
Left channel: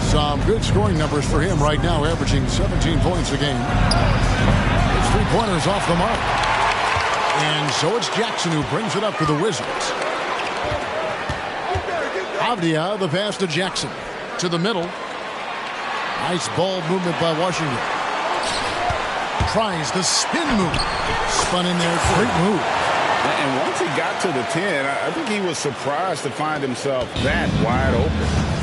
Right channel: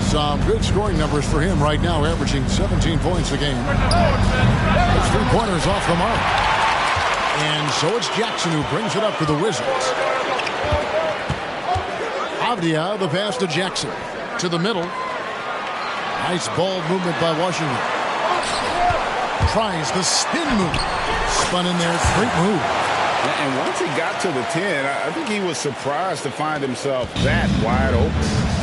Some good scoring numbers for him right now, averaging 17 points a game. His three-pointers off the mark. And so it's Jackson who brings it up for the Wizards. Avdia, the pass to Jackson. To the middle. Nice ball movement by Washington. Tries the spin move. Spun in there. Great move. And once he got to the 10, I think he was surprised to find himself that wide open.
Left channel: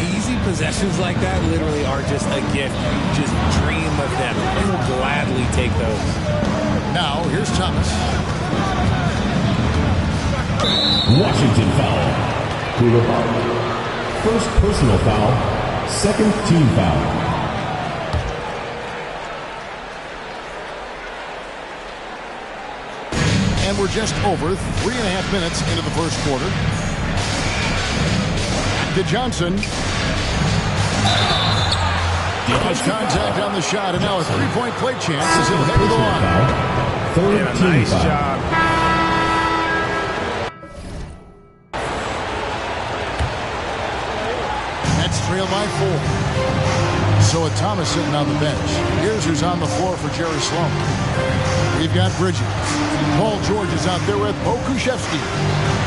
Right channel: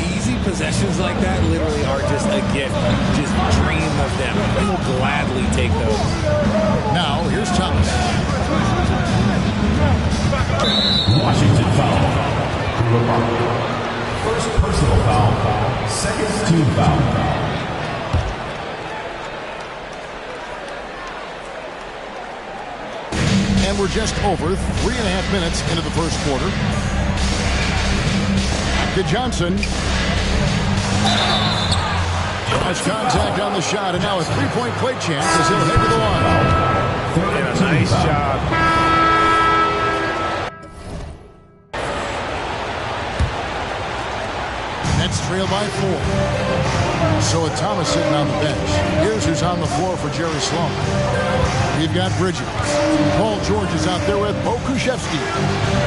Easy possessions like that literally are just a gift. You just dream of them. You will gladly take those. Now, here's Thomas. Washington foul. First personal foul. Second team foul. And we're just over 3.5 minutes into the first quarter. Back to Johnson. Has contact on the shot, and now a three-point play chance as he'll head to the line. And a nice job. Nets trail by 4. So with Thomas sitting on the bench, here's who's on the floor for Jerry Sloan. We've got Bridges. Paul George is out there with Bo Kushevsky.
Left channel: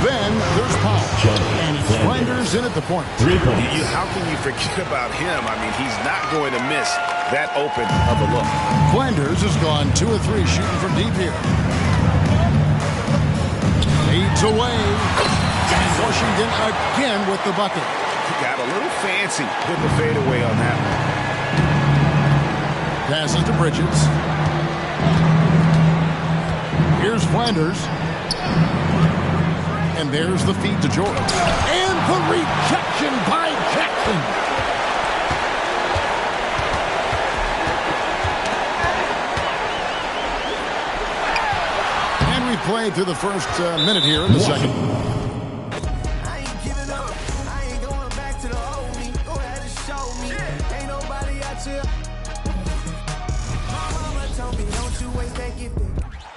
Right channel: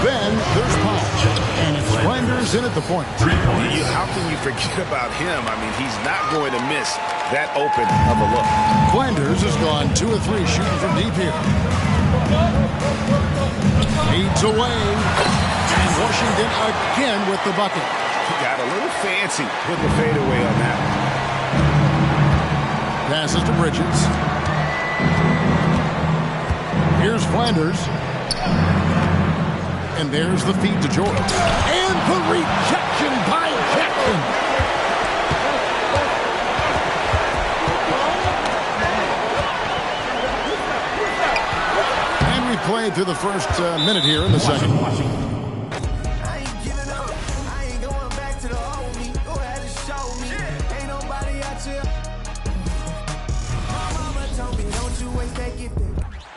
Then there's Powell. And it's Flanders in at the point. How can you forget about him? I mean, he's not going to miss that open of a look. Flanders has gone 2 of 3 shooting from deep here. Fades away. And Washington again with the bucket. He got a little fancy putting the fadeaway on that. Passes to Bridges. Here's Flanders. And there's the feed to George. And the rejection by Jackson. And we played through the first minute here in the second. I ain't giving up. I ain't going back to the old me. Go ahead and show me. Ain't nobody out here. My mama told me, don't you waste that gift.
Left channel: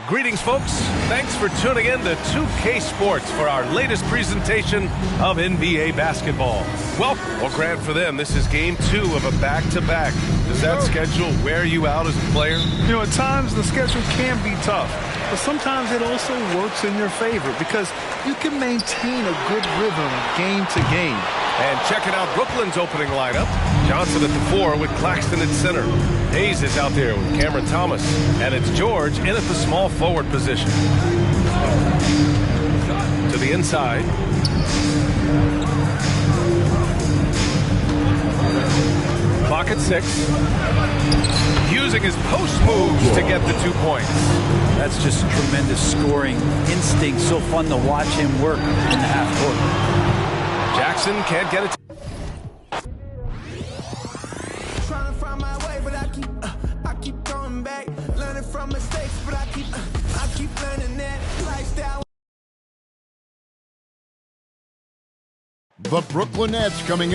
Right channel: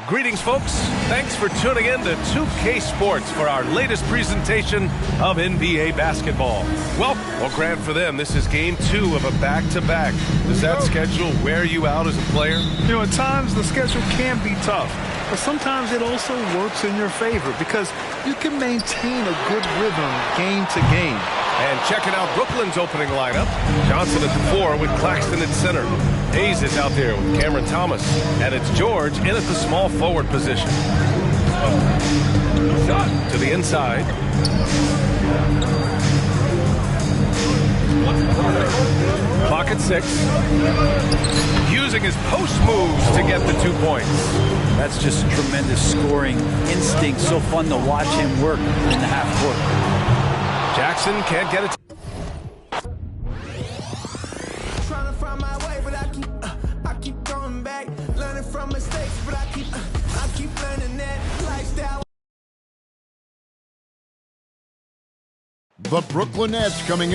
Greetings, folks. Thanks for tuning in to 2K Sports for our latest presentation of NBA basketball. Well, Grant, for them, this is game 2 of a back-to-back. Does that schedule wear you out as a player? You know, at times the schedule can be tough, but sometimes it also works in your favor because you can maintain a good rhythm game to game. And checking out Brooklyn's opening lineup. Johnson at the 4 with Claxton at center. Hayes is out there with Cameron Thomas, and it's George in at the small forward position. To the inside. Clock at 6. Using his post moves to get the 2 points. That's just tremendous scoring instinct. So fun to watch him work in the half court. Jackson can't get it. Trying to find my way, but I keep going back. Learning from mistakes, but I keep learning that lifestyle. The Brooklyn Nets coming into